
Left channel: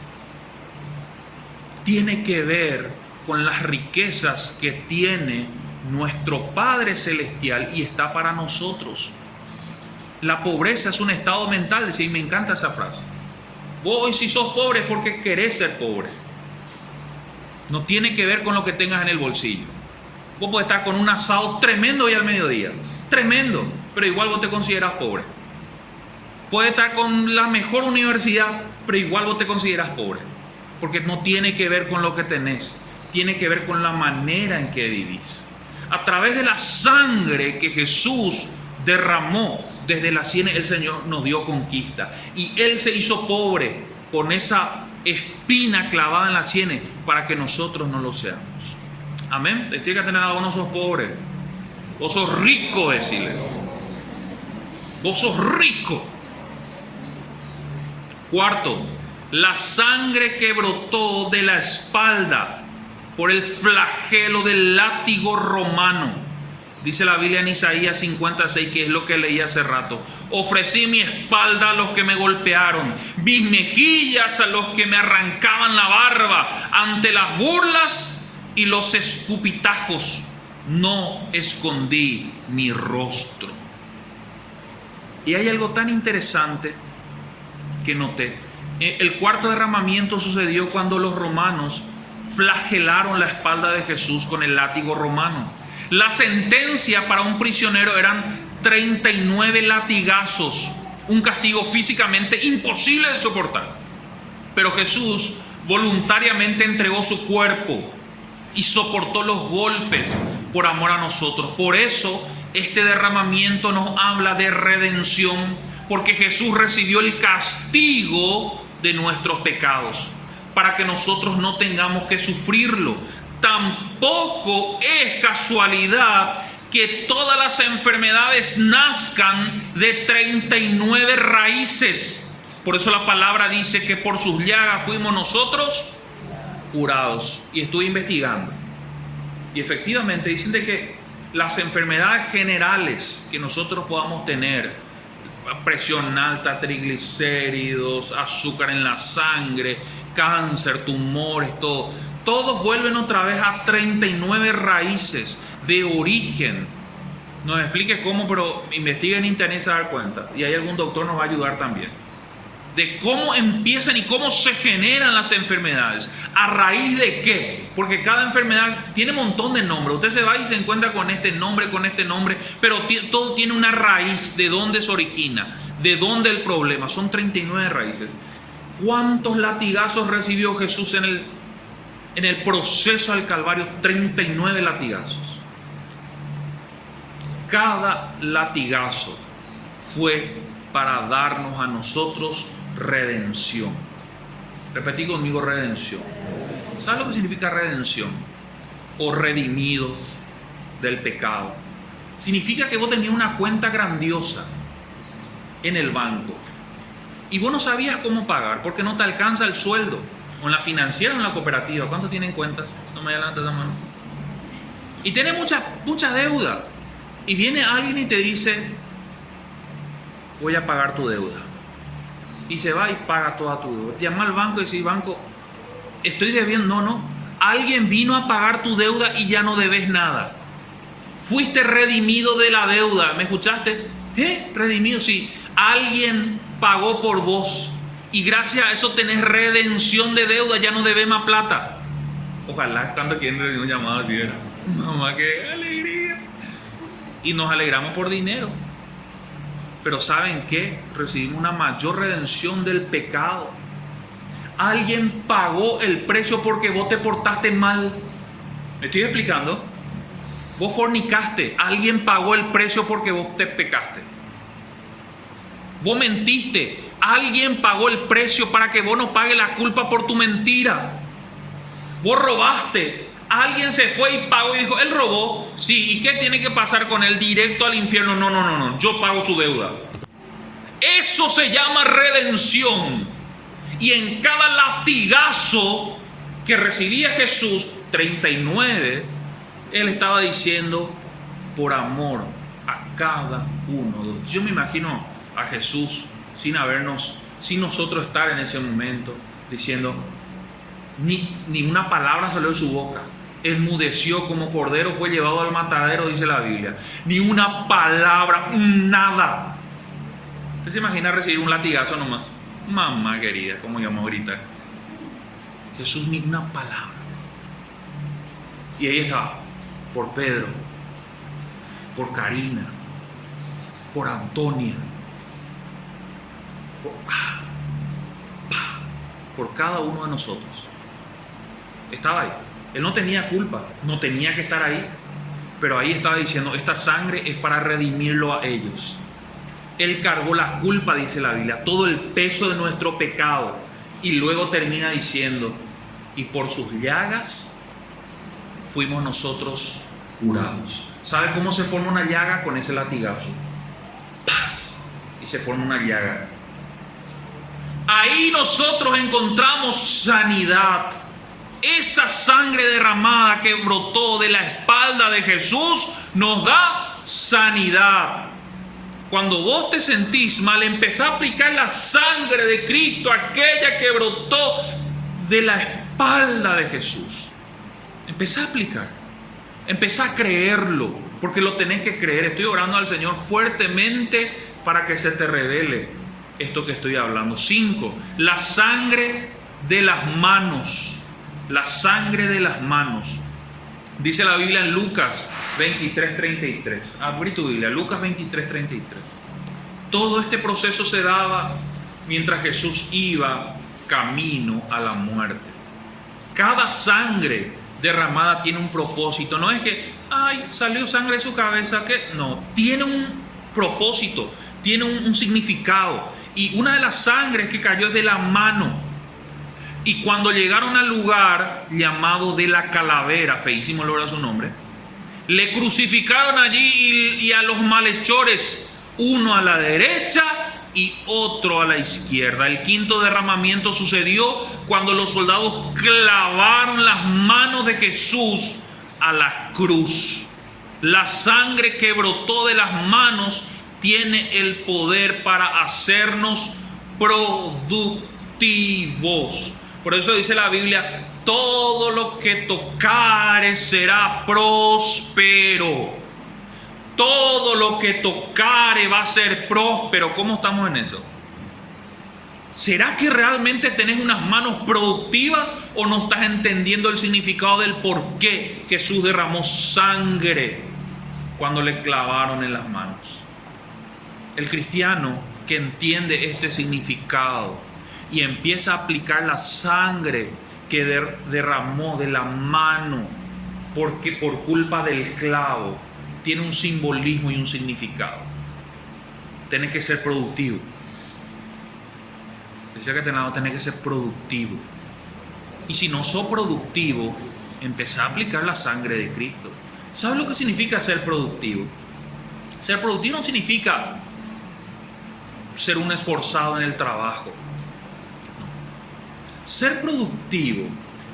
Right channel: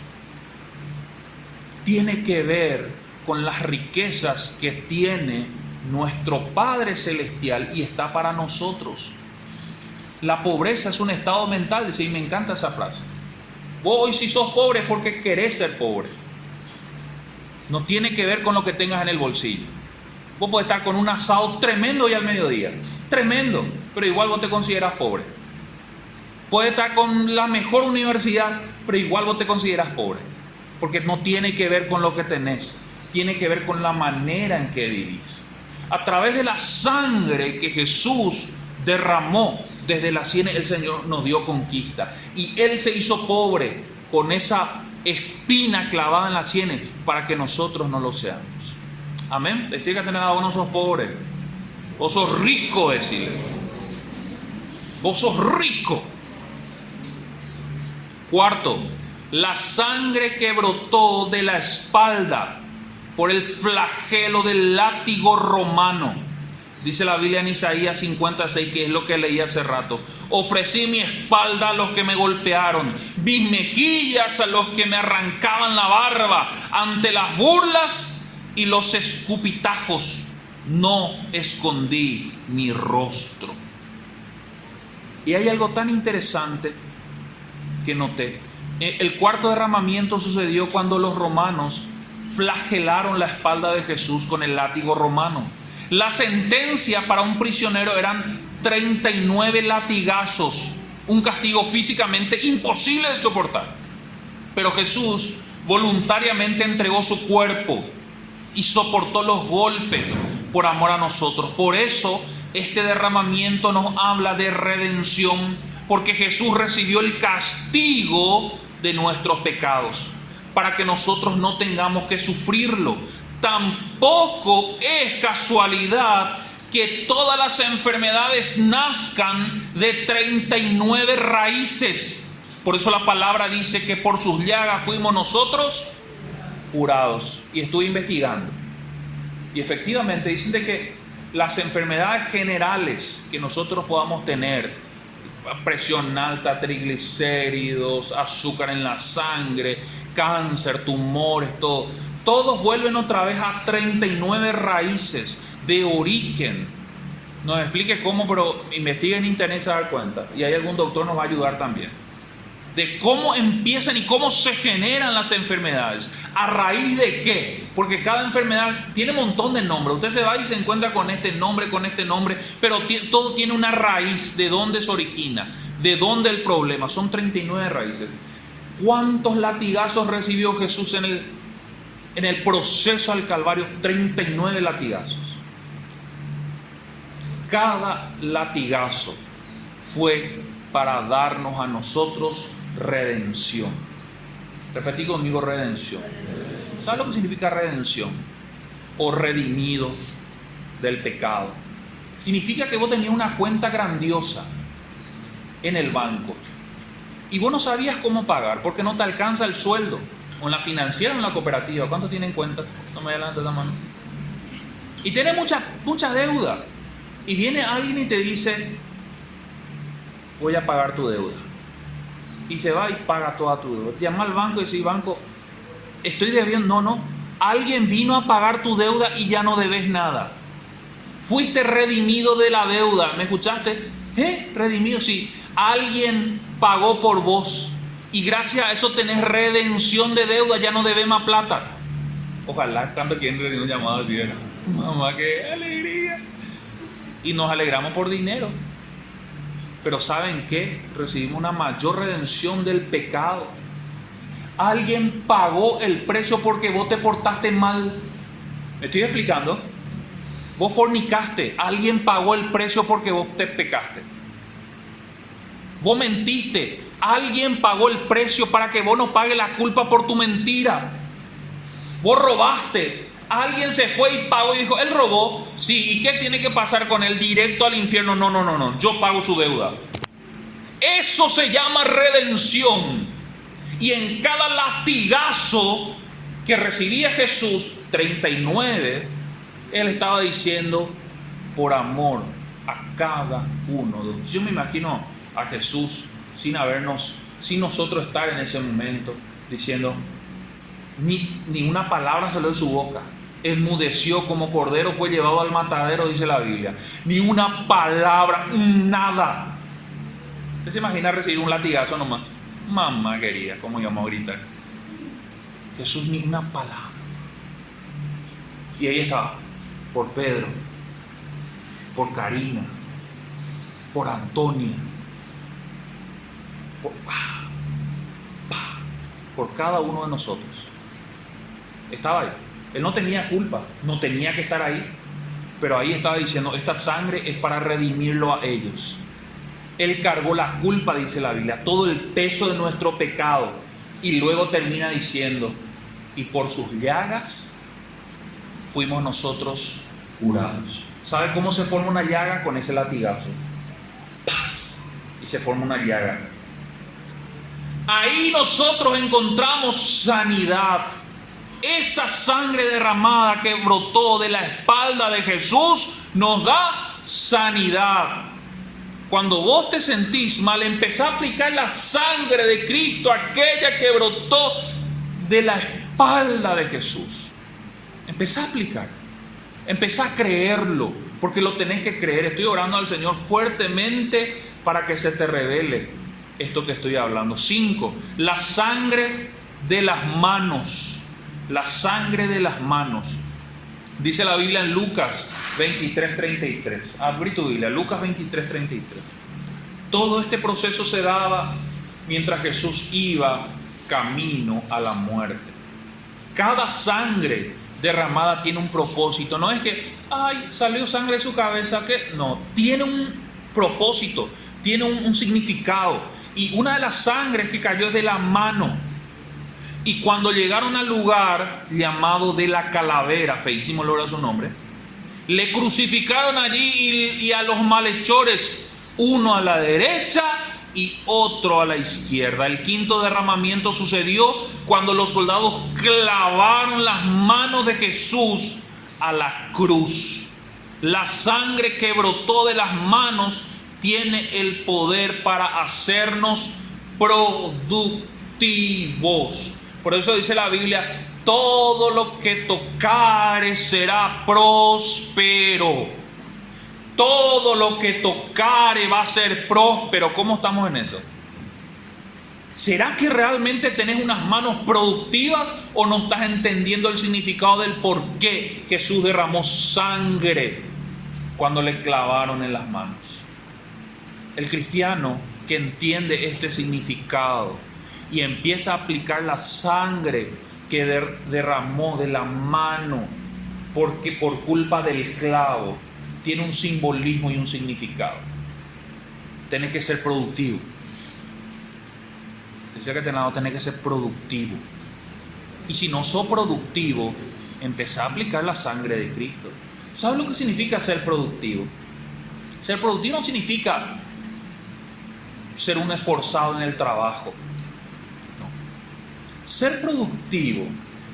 Tiene que ver con las riquezas que tiene nuestro Padre Celestial y está para nosotros. La pobreza es un estado mental, dice, y me encanta esa frase. Vos hoy si sos pobre es porque querés ser pobre. No tiene que ver con lo que tengas en el bolsillo. Vos podés estar con un asado tremendo hoy al mediodía. Tremendo, pero igual vos te consideras pobre. Puedes estar con la mejor universidad, pero igual vos te consideras pobre. Porque no tiene que ver con lo que tenés. Tiene que ver con la manera en que vivís. A través de la sangre que Jesús derramó desde la sien, el Señor nos dio conquista. Y Él se hizo pobre con esa espina clavada en la sien para que nosotros no lo seamos. Amén. Decir que tener vos no sos pobre. Vos sos rico, decirle. Vos sos rico. Cuarto, la sangre que brotó de la espalda por el flagelo del látigo romano. Dice la Biblia en Isaías 56, que es lo que leí hace rato. Ofrecí mi espalda a los que me golpearon, mis mejillas a los que me arrancaban la barba. Ante las burlas y los escupitajos no escondí mi rostro. Y hay algo tan interesante que noté. El cuarto derramamiento sucedió cuando los romanos flagelaron la espalda de Jesús con el látigo romano. La sentencia para un prisionero eran 39 latigazos, un castigo físicamente imposible de soportar. Pero Jesús voluntariamente entregó su cuerpo y soportó los golpes por amor a nosotros. Por eso este derramamiento nos habla de redención, porque Jesús recibió el castigo de nuestros pecados para que nosotros no tengamos que sufrirlo. Tampoco es casualidad que todas las enfermedades nazcan de 39 raíces. Por eso la palabra dice que por sus llagas fuimos nosotros curados. Y estuve investigando. Y efectivamente dicen de que las enfermedades generales que nosotros podamos tener, presión alta, triglicéridos, azúcar en la sangre, cáncer, tumores, todos vuelven otra vez a 39 raíces de origen. No me explique cómo, pero investigue en internet y se va a dar cuenta. Y hay algún doctor nos va a ayudar también. De cómo empiezan y cómo se generan las enfermedades. ¿A raíz de qué? Porque cada enfermedad tiene un montón de nombres. Usted se va y se encuentra con este nombre, pero todo tiene una raíz. ¿De dónde se origina? ¿De dónde el problema? Son 39 raíces. ¿Cuántos latigazos recibió Jesús en el proceso al Calvario? 39 latigazos. cada latigazo fue para darnos a nosotros redención. Repetí conmigo, redención. ¿Sabes lo que significa redención? O redimido del pecado. Significa que vos tenías una cuenta grandiosa en el banco y vos no sabías cómo pagar porque no te alcanza el sueldo, o en la financiera o en la cooperativa. ¿Cuánto tienen cuentas? No me adelantes la mano. Y tiene mucha deuda, y viene alguien y te dice: voy a pagar tu deuda, y se va y paga toda tu deuda. Te llama al banco y dice: banco, estoy debiendo. No, alguien vino a pagar tu deuda y ya no debes nada. Fuiste redimido de la deuda. ¿Me escuchaste? Redimido, sí. Alguien pagó por vos y gracias a eso tenés redención de deuda, ya no debes más plata. Ojalá cuando quieren una llamada así, ¿verdad? Mamá, qué alegría. Y nos alegramos por dinero. Pero ¿saben qué? Recibimos una mayor redención del pecado. Alguien pagó el precio porque vos te portaste mal. ¿Me estoy explicando? Vos fornicaste, alguien pagó el precio porque vos te pecaste. Vos mentiste, alguien pagó el precio para que vos no pagues la culpa por tu mentira. Vos robaste, alguien se fue y pagó y dijo: él robó, sí, ¿y qué tiene que pasar con él? Directo al infierno. No, yo pago su deuda. Eso se llama redención. Y en cada latigazo que recibía Jesús, 39, Él estaba diciendo: por amor a cada uno. Yo me imagino a Jesús sin nosotros estar en ese momento, diciendo, ni una palabra salió de su boca. Enmudeció como cordero, fue llevado al matadero, dice la Biblia. Ni una palabra, nada. ¿Usted se imagina recibir un latigazo nomás? Mamá querida, como llamó ahorita. Jesús, ni una palabra. Y ahí estaba, por Pedro, por Karina, por Antonia, por cada uno de nosotros. Estaba ahí. Él no tenía culpa, no tenía que estar ahí, pero ahí estaba diciendo: esta sangre es para redimirlo a ellos. Él cargó la culpa, dice la Biblia, todo el peso de nuestro pecado, y luego termina diciendo: y por sus llagas fuimos nosotros curados. ¿Sabe cómo se forma una llaga? Con ese latigazo. ¡Paz! Y se forma una llaga. Ahí nosotros encontramos sanidad. Esa sangre derramada que brotó de la espalda de Jesús nos da sanidad. Cuando vos te sentís mal, empezá a aplicar la sangre de Cristo, aquella que brotó de la espalda de Jesús. Empezá a aplicar, empezá a creerlo, porque lo tenés que creer. Estoy orando al Señor fuertemente para que se te revele esto que estoy hablando. 5. La sangre de las manos. La sangre de las manos. Dice la Biblia en Lucas 23:33. Abrí tu Biblia, Lucas 23:33. Todo este proceso se daba mientras Jesús iba camino a la muerte. Cada sangre derramada tiene un propósito. No es que, ay, salió sangre de su cabeza, que no, tiene un propósito, tiene un significado. Y una de las sangres que cayó es de la mano. Y cuando llegaron al lugar llamado de la calavera, feísimo lo era su nombre, le crucificaron allí y a los malhechores, uno a la derecha y otro a la izquierda. El quinto derramamiento sucedió cuando los soldados clavaron las manos de Jesús a la cruz. La sangre que brotó de las manos tiene el poder para hacernos productivos. Por eso dice la Biblia: todo lo que tocare será próspero. Todo lo que tocare va a ser próspero. ¿Cómo estamos en eso? ¿Será que realmente tenés unas manos productivas o no estás entendiendo el significado del por qué Jesús derramó sangre cuando le clavaron en las manos? El cristiano que entiende este significado y empieza a aplicar la sangre que derramó de la mano porque por culpa del clavo, tiene un simbolismo y un significado. Tenés que ser productivo. Dice que tenés que ser productivo. Y si no sos productivo, empezá a aplicar la sangre de Cristo. ¿Sabes lo que significa ser productivo? Ser productivo no significa ser un esforzado en el trabajo. No. Ser productivo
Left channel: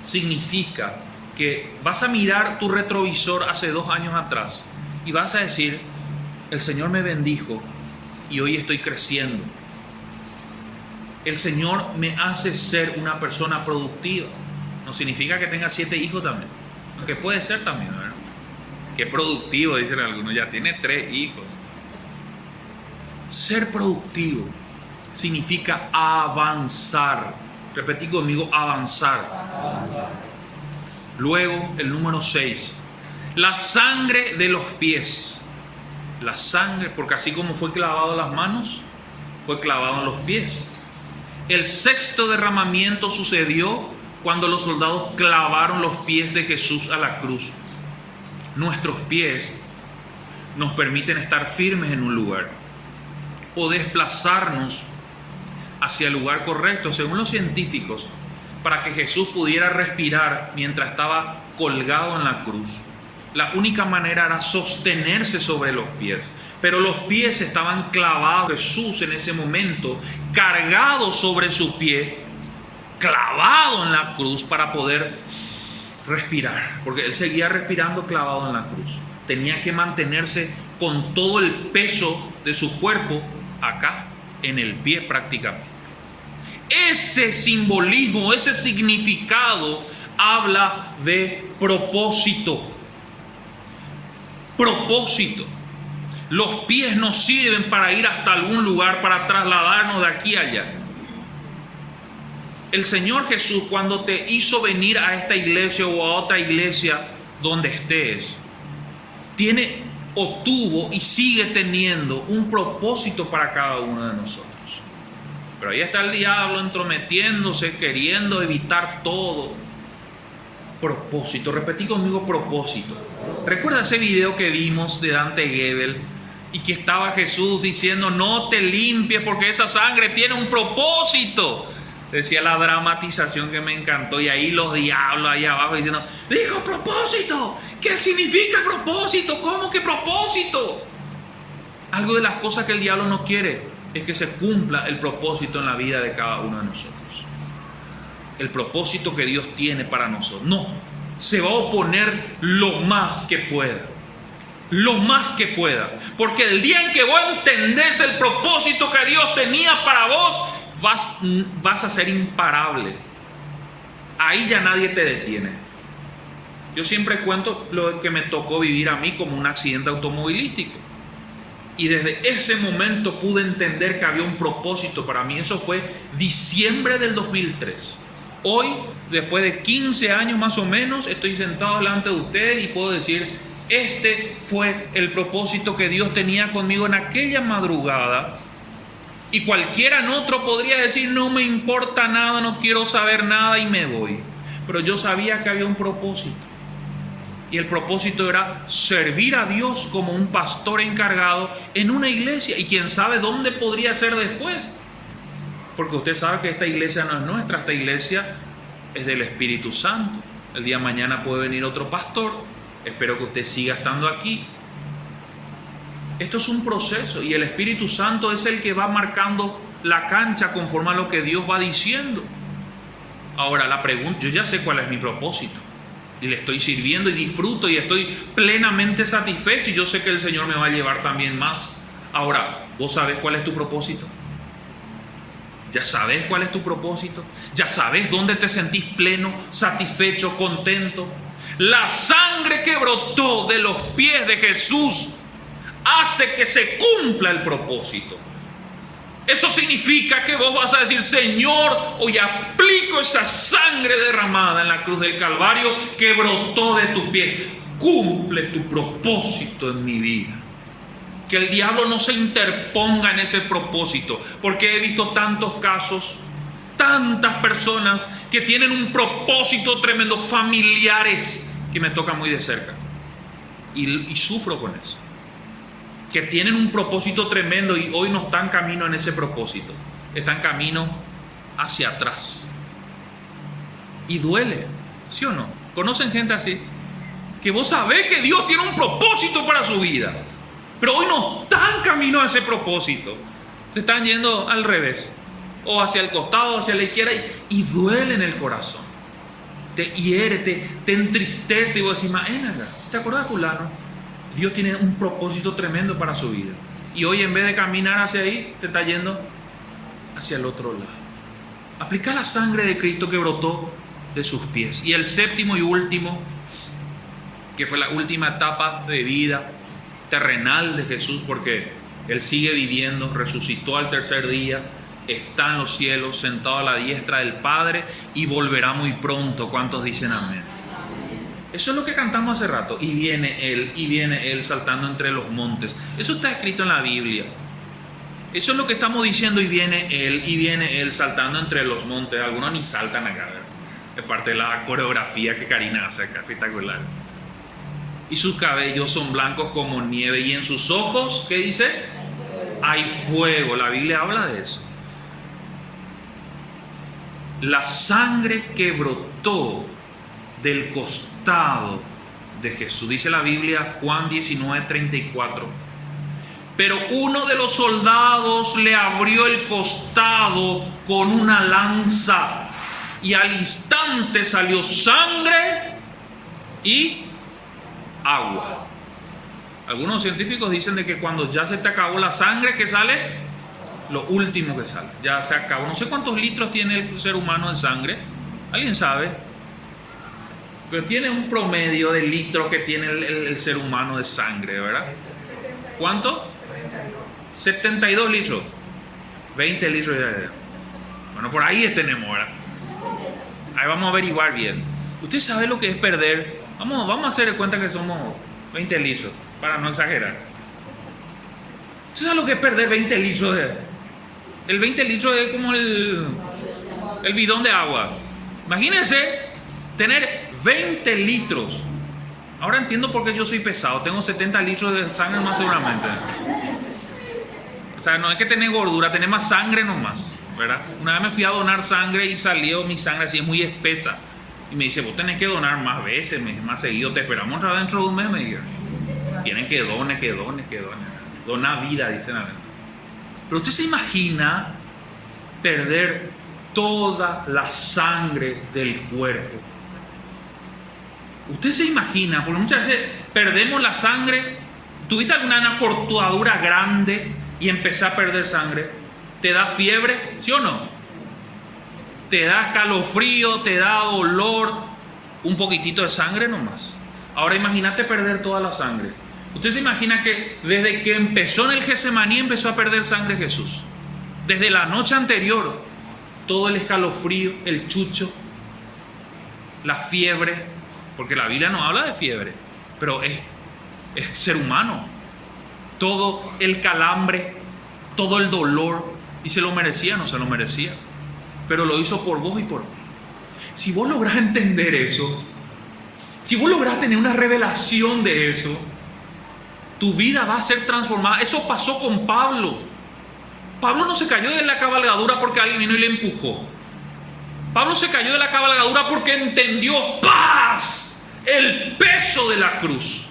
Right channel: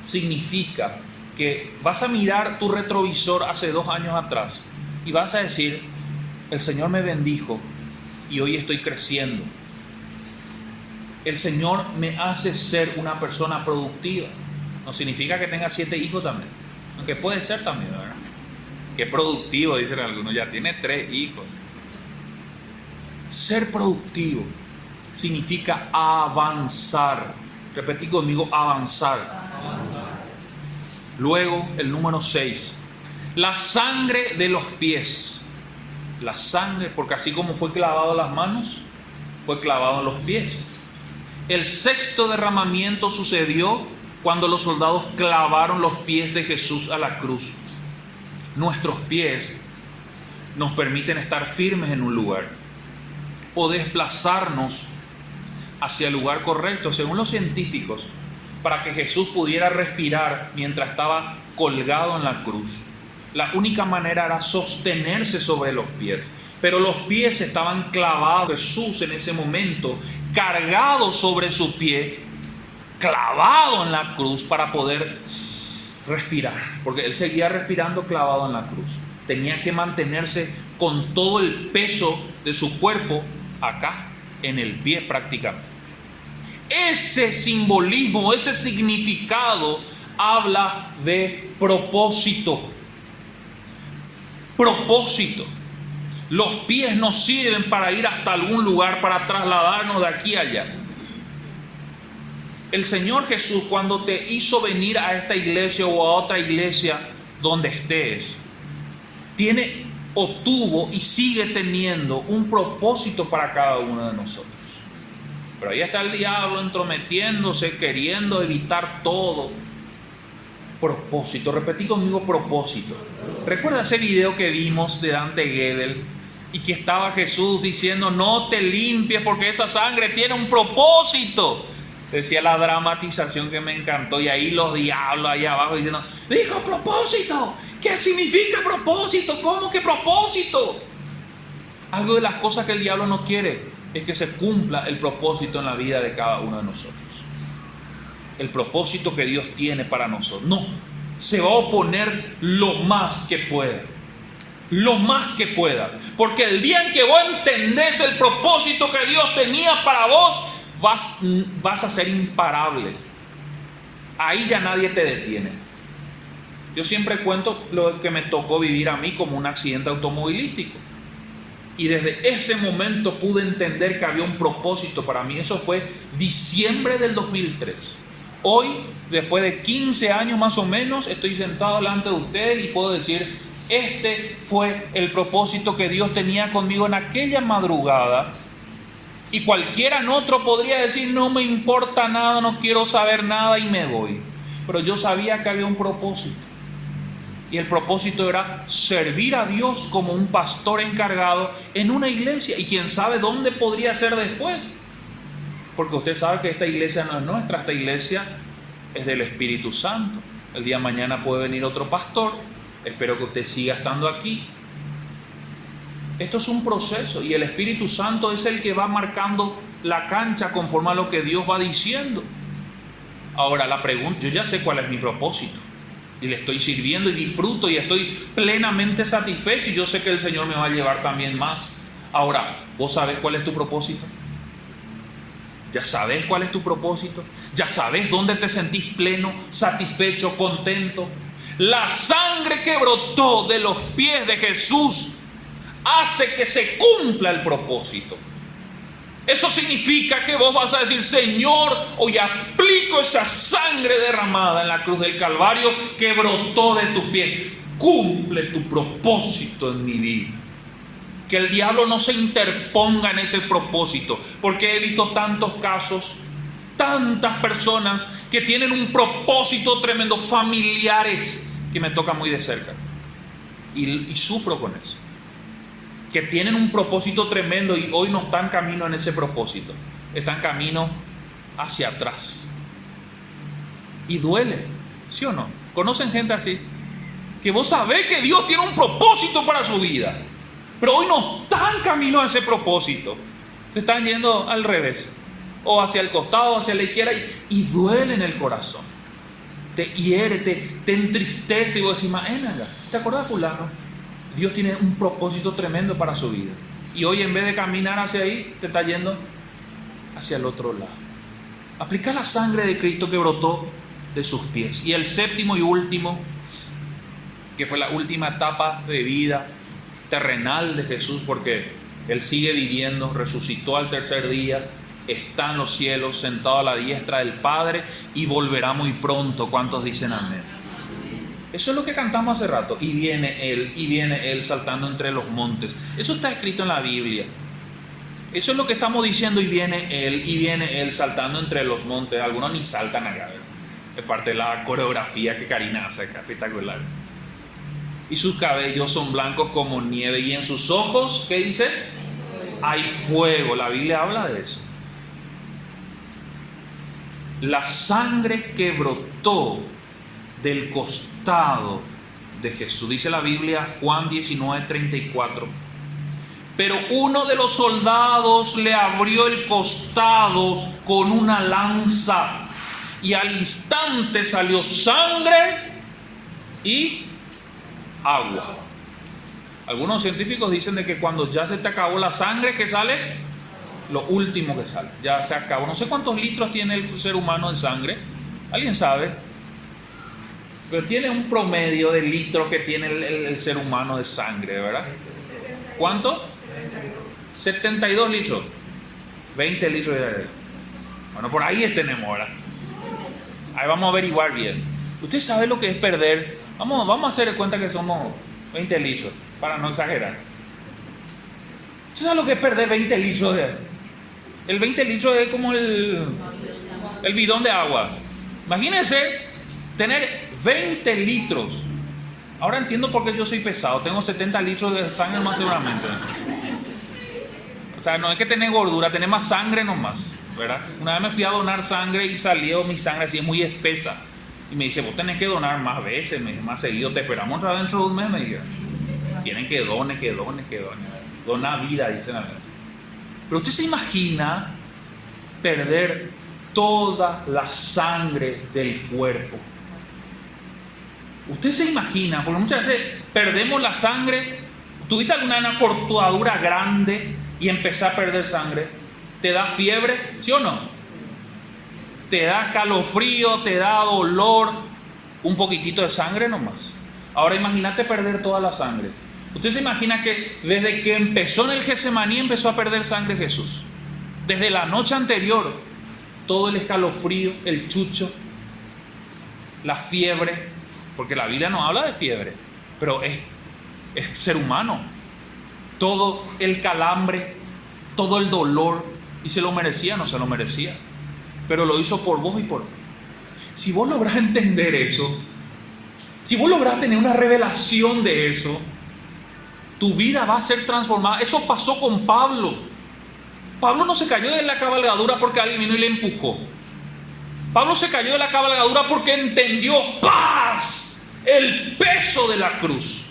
significa que vas a mirar tu retrovisor hace 2 años atrás y vas a decir, el Señor me bendijo y hoy estoy creciendo. El Señor me hace ser una persona productiva. No significa que tenga 7 hijos también, aunque puede ser también, ¿verdad? Qué productivo, dicen algunos, ya tiene 3 hijos. Ser productivo significa avanzar. Repetí conmigo, avanzar. Luego, el número 6. La sangre de los pies. La sangre, porque así como fue clavado en las manos, fue clavado en los pies. El 6º derramamiento sucedió cuando los soldados clavaron los pies de Jesús a la cruz. Nuestros pies nos permiten estar firmes en un lugar o desplazarnos hacia el lugar correcto, según los científicos, para que Jesús pudiera respirar mientras estaba colgado en la cruz. La única manera era sostenerse sobre los pies, pero los pies estaban clavados. Jesús en ese momento, cargado sobre su pie, clavado en la cruz para poder respirar, porque él seguía respirando clavado en la cruz. Tenía que mantenerse con todo el peso de su cuerpo acá, en el pie prácticamente. Ese simbolismo, ese significado habla de propósito. Propósito. Los pies nos sirven para ir hasta algún lugar, para trasladarnos de aquí a allá. El Señor Jesús, cuando te hizo venir a esta iglesia o a otra iglesia donde estés, tiene o tuvo y sigue teniendo un propósito para cada uno de nosotros. Pero ahí está el diablo entrometiéndose, queriendo evitar todo. Propósito, repetí conmigo, propósito. ¿Recuerda ese video que vimos de Dante Gebel y que estaba Jesús diciendo, no te limpies porque esa sangre tiene un propósito? Decía la dramatización que me encantó, y ahí los diablos ahí abajo diciendo, dijo propósito, ¿qué significa propósito? ¿Cómo que propósito? Algo de las cosas que el diablo no quiere es que se cumpla el propósito en la vida de cada uno de nosotros. El propósito que Dios tiene para nosotros. No, se va a oponer lo más que pueda. Lo más que pueda. Porque el día en que vos entendés el propósito que Dios tenía para vos, vas a ser imparable. Ahí ya nadie te detiene. Yo siempre cuento lo que me tocó vivir a mí como un accidente automovilístico. Y desde ese momento pude entender que había un propósito para mí. Eso fue diciembre del 2003. Hoy, después de 15 años más o menos, estoy sentado delante de ustedes y puedo decir, este fue el propósito que Dios tenía conmigo en aquella madrugada. Y cualquiera en otro podría decir, no me importa nada, no quiero saber nada y me voy. Pero yo sabía que había un propósito. Y el propósito era servir a Dios como un pastor encargado en una iglesia. Y quién sabe dónde podría ser después. Porque usted sabe que esta iglesia no es nuestra, esta iglesia es del Espíritu Santo. El día de mañana puede venir otro pastor. Espero que usted siga estando aquí. Esto es un proceso y el Espíritu Santo es el que va marcando la cancha conforme a lo que Dios va diciendo. Ahora la pregunta, yo ya sé cuál es mi propósito y le estoy sirviendo y disfruto y estoy plenamente satisfecho y yo sé que el Señor me va a llevar también más. Ahora, ¿vos sabés cuál es tu propósito? ¿Ya sabés cuál es tu propósito? ¿Ya sabés dónde te sentís pleno, satisfecho, contento? La sangre que brotó de los pies de Jesús hace que se cumpla el propósito. Eso significa que vos vas a decir, Señor, hoy aplico esa sangre derramada en la cruz del Calvario que brotó de tus pies. Cumple tu propósito en mi vida. Que el diablo no se interponga en ese propósito, porque he visto tantos casos, tantas personas que tienen un propósito tremendo, familiares, que me toca muy de cerca. y sufro con eso. Que tienen un propósito tremendo y hoy no están camino en ese propósito. Están camino hacia atrás. Y duele, ¿sí o no? ¿Conocen gente así? Que vos sabés que Dios tiene un propósito para su vida, pero hoy no están camino a ese propósito. Se están yendo al revés, o hacia el costado, hacia la izquierda, y duele en el corazón. Te hiere, te entristece, y vos decís, ¿te acuerdas de fulano? Dios tiene un propósito tremendo para su vida. Y hoy en vez de caminar hacia ahí, te está yendo hacia el otro lado. Aplica la sangre de Cristo que brotó de sus pies. Y el séptimo y último, que fue la última etapa de vida terrenal de Jesús, porque Él sigue viviendo, resucitó al tercer día, está en los cielos, sentado a la diestra del Padre, y volverá muy pronto. ¿Cuántos dicen amén? Eso es lo que cantamos hace rato. Y viene Él saltando entre los montes. Eso está escrito en la Biblia. Eso es lo que estamos diciendo, y viene Él saltando entre los montes. Algunos ni saltan acá, es parte de la coreografía que Karina hace acá, espectacular. Y sus cabellos son blancos como nieve, y en sus ojos, ¿qué dice? Hay fuego. La Biblia habla de eso. La sangre que brotó del costado de Jesús. Dice la Biblia, Juan 19:34. Pero uno de los soldados le abrió el costado con una lanza, y al instante salió sangre y agua. Algunos científicos dicen de que cuando ya se te acabó la sangre, ¿qué sale? Lo último que sale. Ya se acabó. No sé cuántos litros tiene el ser humano en sangre. ¿Alguien sabe? Pero tiene un promedio de litros que tiene el ser humano de sangre, ¿verdad? ¿Cuánto? 72 litros. 20 litros de... Bueno, por ahí tenemos, ¿verdad? Ahí vamos a averiguar bien. ¿Usted sabe lo que es perder? Vamos a hacer de cuenta que somos 20 litros, para no exagerar. ¿Usted sabe lo que es perder 20 litros de... El 20 litros es como el bidón de agua. Imagínense tener 20 litros. Ahora entiendo por qué yo soy pesado. Tengo 70 litros de sangre más seguramente. O sea, no es que tenés gordura, tenés más sangre nomás, ¿verdad? Una vez me fui a donar sangre y salió mi sangre así muy espesa. Y me dice, vos tenés que donar más veces, más seguido. Te esperamos otra vez dentro de un mes, me dijeron. Tienen que donar. Dona vida, dicen a mí. Pero usted se imagina perder toda la sangre del cuerpo. Usted se imagina, porque muchas veces perdemos la sangre. ¿Tuviste alguna cortadura grande y empezás a perder sangre? ¿Te da fiebre? ¿Sí o no? ¿Te da escalofrío? ¿Te da dolor? Un poquitito de sangre nomás. Ahora imagínate perder toda la sangre. Usted se imagina que desde que empezó en el Getsemaní empezó a perder sangre Jesús. Desde la noche anterior, todo el escalofrío, el chucho, la fiebre, porque la Biblia no habla de fiebre, pero es ser humano. Todo el calambre, todo el dolor, y se lo merecía, no se lo merecía, pero lo hizo por vos y por mí. Si vos lográs entender eso, si vos lográs tener una revelación de eso, tu vida va a ser transformada. Eso pasó con Pablo. Pablo no se cayó de la cabalgadura porque alguien vino y le empujó. Pablo se cayó de la cabalgadura porque entendió paz, el peso de la cruz.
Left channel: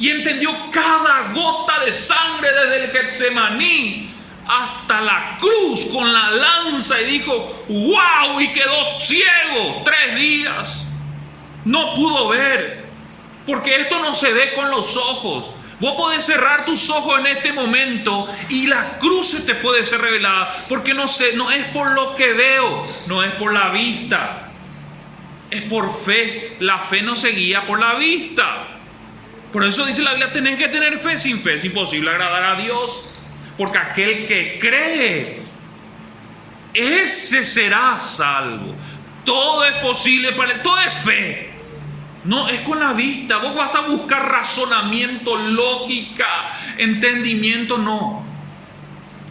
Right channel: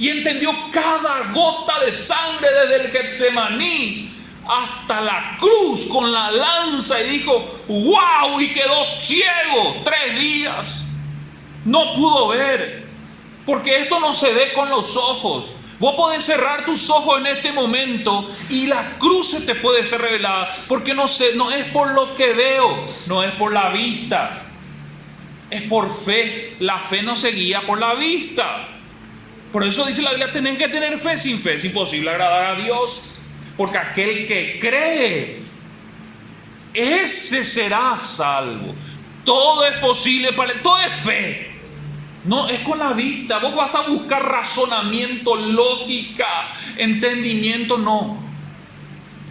Y entendió cada gota de sangre desde el Getsemaní hasta la cruz con la lanza, y dijo, wow, y quedó ciego 3 días. No pudo ver, porque esto no se ve con los ojos. Vos podés cerrar tus ojos en este momento y la cruz se te puede ser revelada, porque no es por lo que veo, no es por la vista, es por fe. La fe no se guía por la vista. Por eso dice la Biblia, tenés que tener fe. Sin fe es imposible agradar a Dios, porque aquel que cree, ese será salvo. Todo es posible para él, todo es fe. No es con la vista. Vos vas a buscar razonamiento, lógica, entendimiento. No.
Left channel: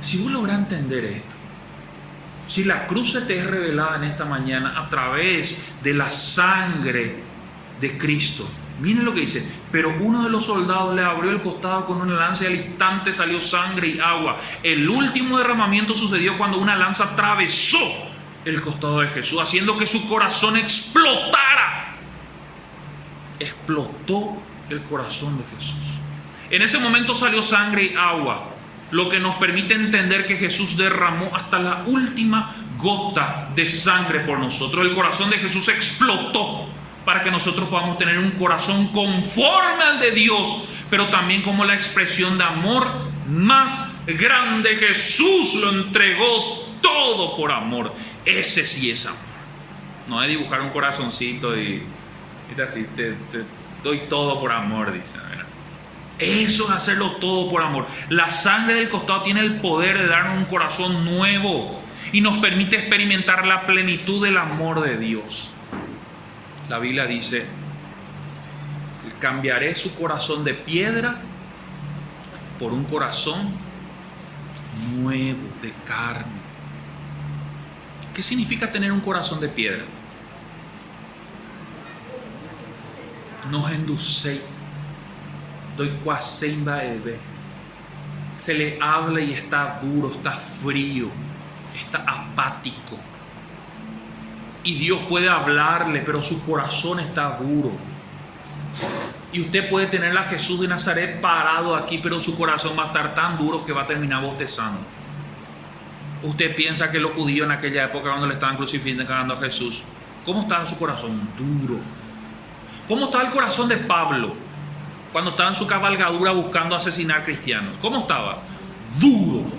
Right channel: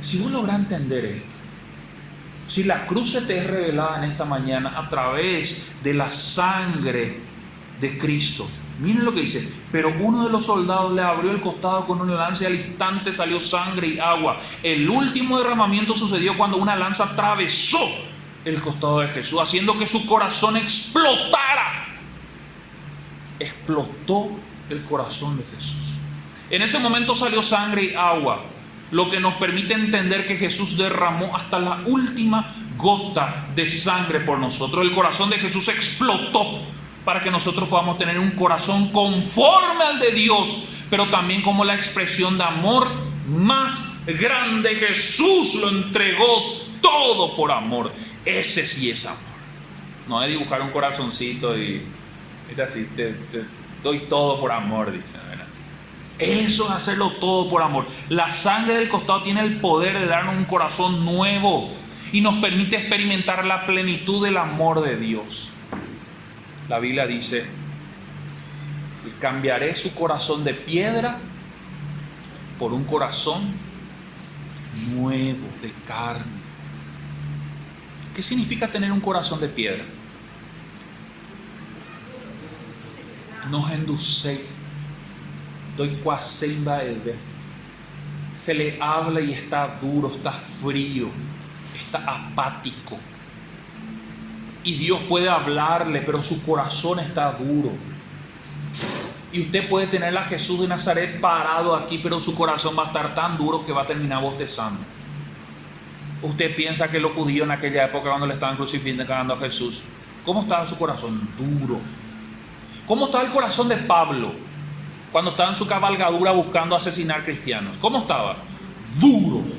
Si vos lográs entender esto, si la cruz se te es revelada en esta mañana a través de la sangre de Cristo. Miren lo que dice: pero uno de los soldados le abrió el costado con una lanza y al instante salió sangre y agua. El último derramamiento sucedió cuando una lanza atravesó el costado de Jesús, haciendo que su corazón explotara. Explotó el corazón de Jesús. En ese momento salió sangre y agua, lo que nos permite entender que Jesús derramó hasta la última gota de sangre por nosotros. El corazón de Jesús explotó para que nosotros podamos tener un corazón conforme al de Dios, pero también como la expresión de amor más grande. Jesús lo entregó todo por amor. Ese sí es amor. No es dibujar un corazoncito y así, te doy todo por amor, dice. Eso es hacerlo todo por amor. La sangre del costado tiene el poder de darnos un corazón nuevo y nos permite experimentar la plenitud del amor de Dios. La Biblia dice: cambiaré su corazón de piedra por un corazón nuevo de carne. ¿Qué significa tener un corazón de piedra? Nos enduce, doy cuasemba de se le habla y está duro, está frío, está apático. Y Dios puede hablarle, pero su corazón está duro. Y usted puede tener a Jesús de Nazaret parado aquí, pero su corazón va a estar tan duro que va a terminar bostezando. Usted piensa que los judíos en aquella época, cuando le estaban crucificando a Jesús, ¿cómo estaba su corazón? Duro. ¿Cómo estaba el corazón de Pablo cuando estaba en su cabalgadura buscando asesinar cristianos? ¿Cómo estaba? Duro.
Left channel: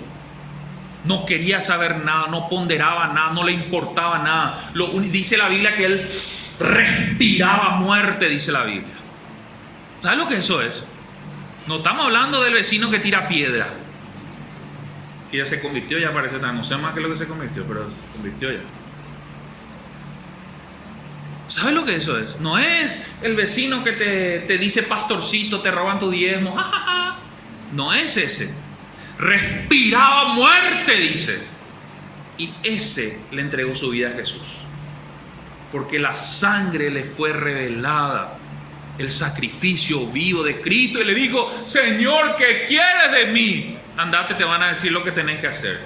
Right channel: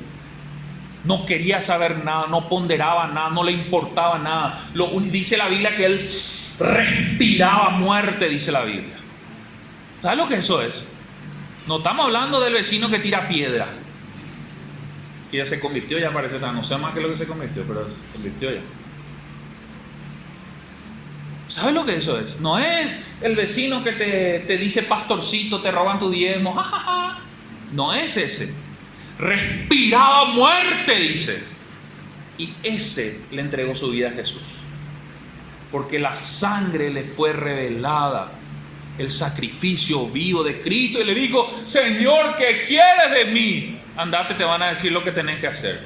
No quería saber nada, no ponderaba nada, no le importaba nada. Dice la Biblia que él respiraba muerte, dice la Biblia. ¿Sabes lo que eso es? No estamos hablando del vecino que tira piedra, que ya se convirtió, ya parece, no sé más que lo que se convirtió, pero se convirtió ya. ¿Sabes lo que eso es? No es el vecino que te dice pastorcito, te roban tu diezmo, jajaja. No es ese. Respiraba muerte, dice. Y ese le entregó su vida a Jesús, porque la sangre le fue revelada, el sacrificio vivo de Cristo, y le dijo: Señor, ¿qué quieres de mí? Andate, te van a decir lo que tenés que hacer.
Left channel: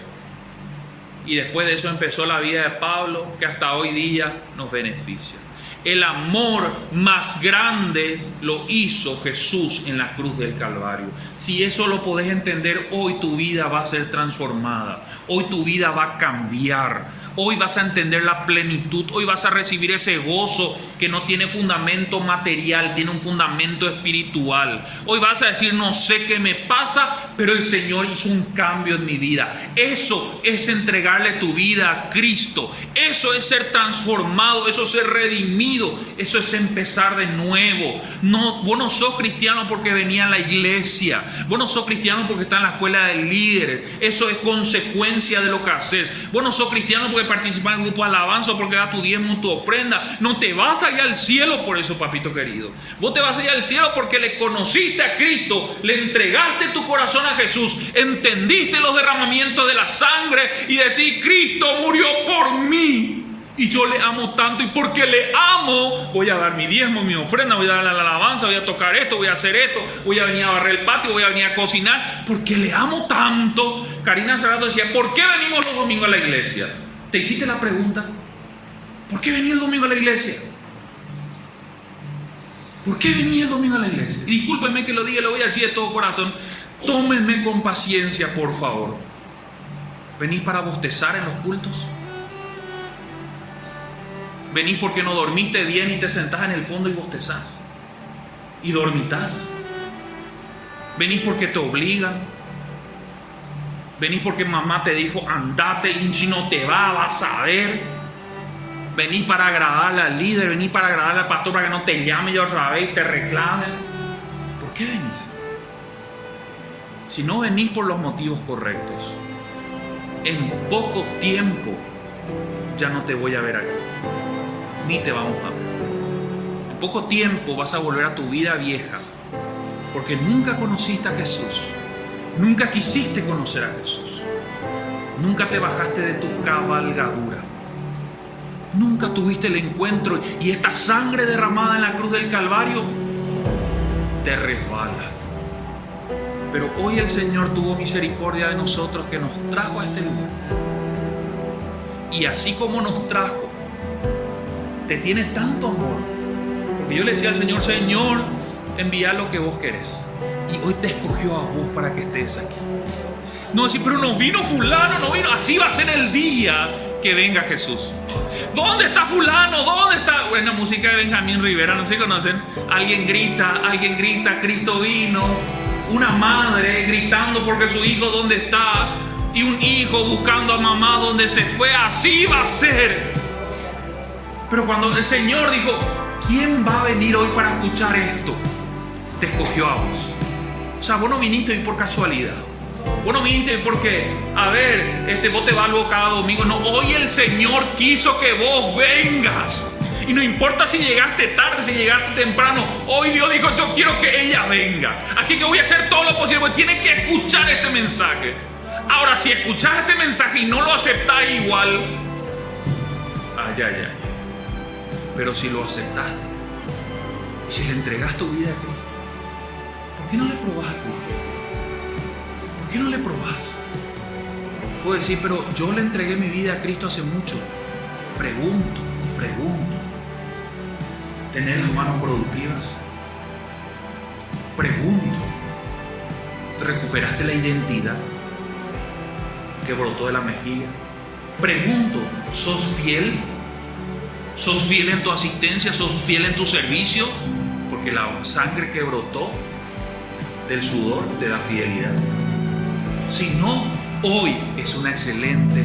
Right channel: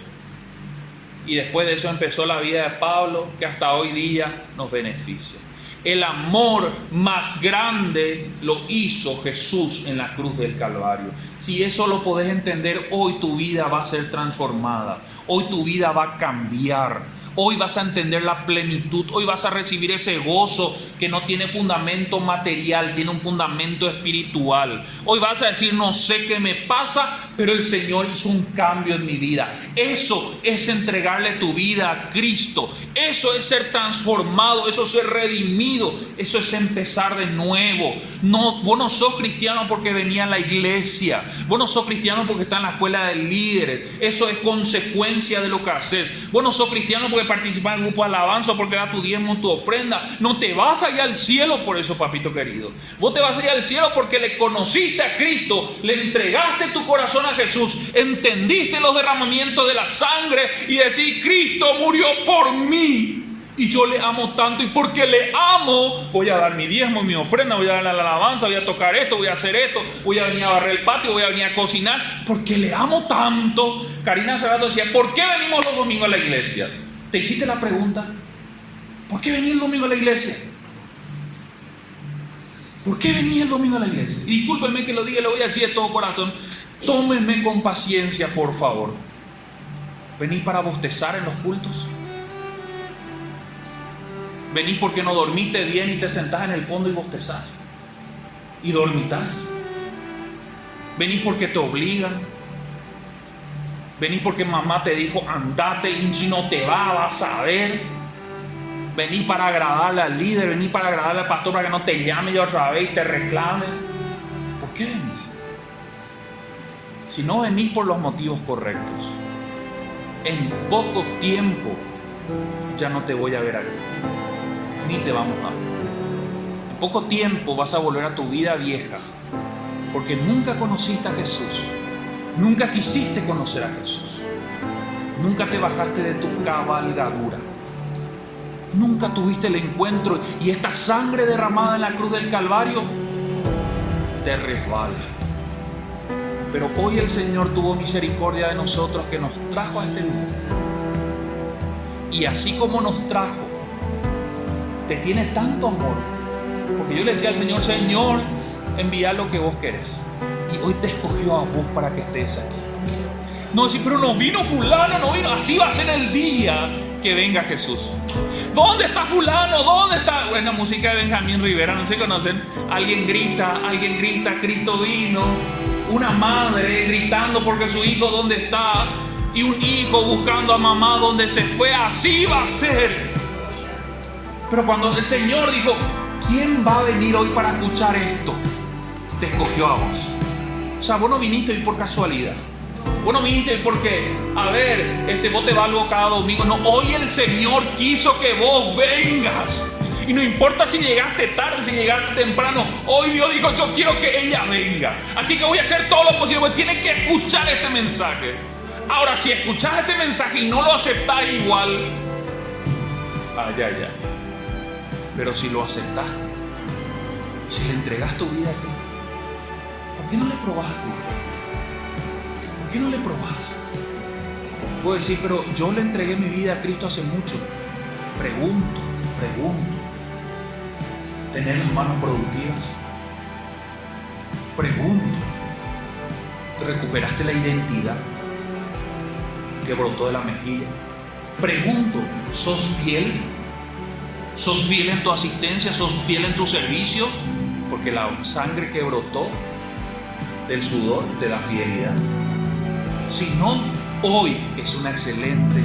Y después de eso empezó la vida de Pablo, que hasta hoy día nos beneficia. El amor más grande lo hizo Jesús en la cruz del Calvario. Si eso lo podés entender, hoy tu vida va a ser transformada. Hoy tu vida va a cambiar. Hoy vas a entender la plenitud. Hoy vas a recibir ese gozo que no tiene fundamento material, tiene un fundamento espiritual. Hoy vas a decir: no sé qué me pasa, pero el Señor hizo un cambio en mi vida. Eso es entregarle tu vida a Cristo. Eso es ser transformado. Eso es ser redimido. Eso es empezar de nuevo. No, vos no sos cristiano porque venía a la iglesia. Vos no sos cristiano porque estás en la escuela de líderes. Eso es consecuencia de lo que haces. Vos no sos cristiano porque participar en un grupo de alabanza, porque da tu diezmo, tu ofrenda. No te vas allá al cielo por eso, papito querido. Vos te vas allá al cielo porque le conociste a Cristo, le entregaste tu corazón a Jesús, entendiste los derramamientos de la sangre y decís: Cristo murió por mí y yo le amo tanto, y porque le amo voy a dar mi diezmo, mi ofrenda, voy a dar la alabanza, voy a tocar esto, voy a hacer esto, voy a venir a barrer el patio, voy a venir a cocinar, porque le amo tanto. Karina hace rato decía: ¿por qué venimos los domingos a la iglesia? ¿Te hiciste la pregunta? ¿Por qué venía el domingo a la iglesia? ¿Por qué venía el domingo a la iglesia? Y discúlpenme que lo diga, lo voy a decir de todo corazón. Tómenme con paciencia, por favor. ¿Venís para bostezar en los cultos? ¿Venís porque no dormiste bien y te sentás en el fondo y bostezás? ¿Y dormitás? ¿Venís porque te obligan? Venís porque mamá te dijo: andate, y si no te vas a ver. Venís para agradarle al líder, venís para agradarle al pastor, para que no te llame yo otra vez y te reclamen. ¿Por qué venís? Si no venís por los motivos correctos, en poco tiempo ya no te voy a ver aquí, ni te vamos a ver. En poco tiempo vas a volver a tu vida vieja, porque nunca conociste a Jesús. Nunca quisiste conocer a Jesús. Nunca te bajaste de tu cabalgadura. nunca tuviste el encuentro y esta sangre derramada en la cruz del Calvario te resbala. Pero hoy el Señor tuvo misericordia de nosotros, que nos trajo a este lugar. Y así como nos trajo, te tiene tanto amor. Porque yo le decía al Señor, Señor, envía lo que vos querés. Y hoy te escogió a vos para que estés aquí. No decir, pero no vino fulano, no vino. Así va a ser el día que venga Jesús. ¿Dónde está fulano? ¿Dónde está? Bueno, la música de Benjamín Rivera, no sé si conocen. Alguien grita, Cristo vino. Una madre gritando porque su hijo dónde está. Y un hijo buscando a mamá donde se fue. Así va a ser. Pero cuando el Señor dijo, ¿quién va a venir hoy para escuchar esto? Te escogió a vos. O sea, vos no viniste hoy por casualidad. Vos no viniste porque, a ver, vos te vas algo cada domingo. No, hoy el Señor quiso que vos vengas. Y no importa si llegaste tarde, si llegaste temprano. Hoy Dios dijo, yo quiero que ella venga. Así que voy a hacer todo lo posible. Porque tienes que escuchar este mensaje. Ahora, si escuchás este mensaje y no lo aceptás igual, ay. Pero si lo aceptás, si le entregás tu vida a Cristo, ¿por qué no le probás a Cristo? ¿Por qué no le probás? Puedo decir, pero yo le entregué mi vida a Cristo hace mucho. Pregunto. ¿Tenés las manos productivas? Pregunto. ¿Recuperaste la identidad que brotó de la mejilla? Pregunto, ¿sos fiel? ¿Sos fiel en tu asistencia? ¿Sos fiel en tu servicio? Porque la sangre que brotó del sudor te da fidelidad. Si no, hoy es una excelente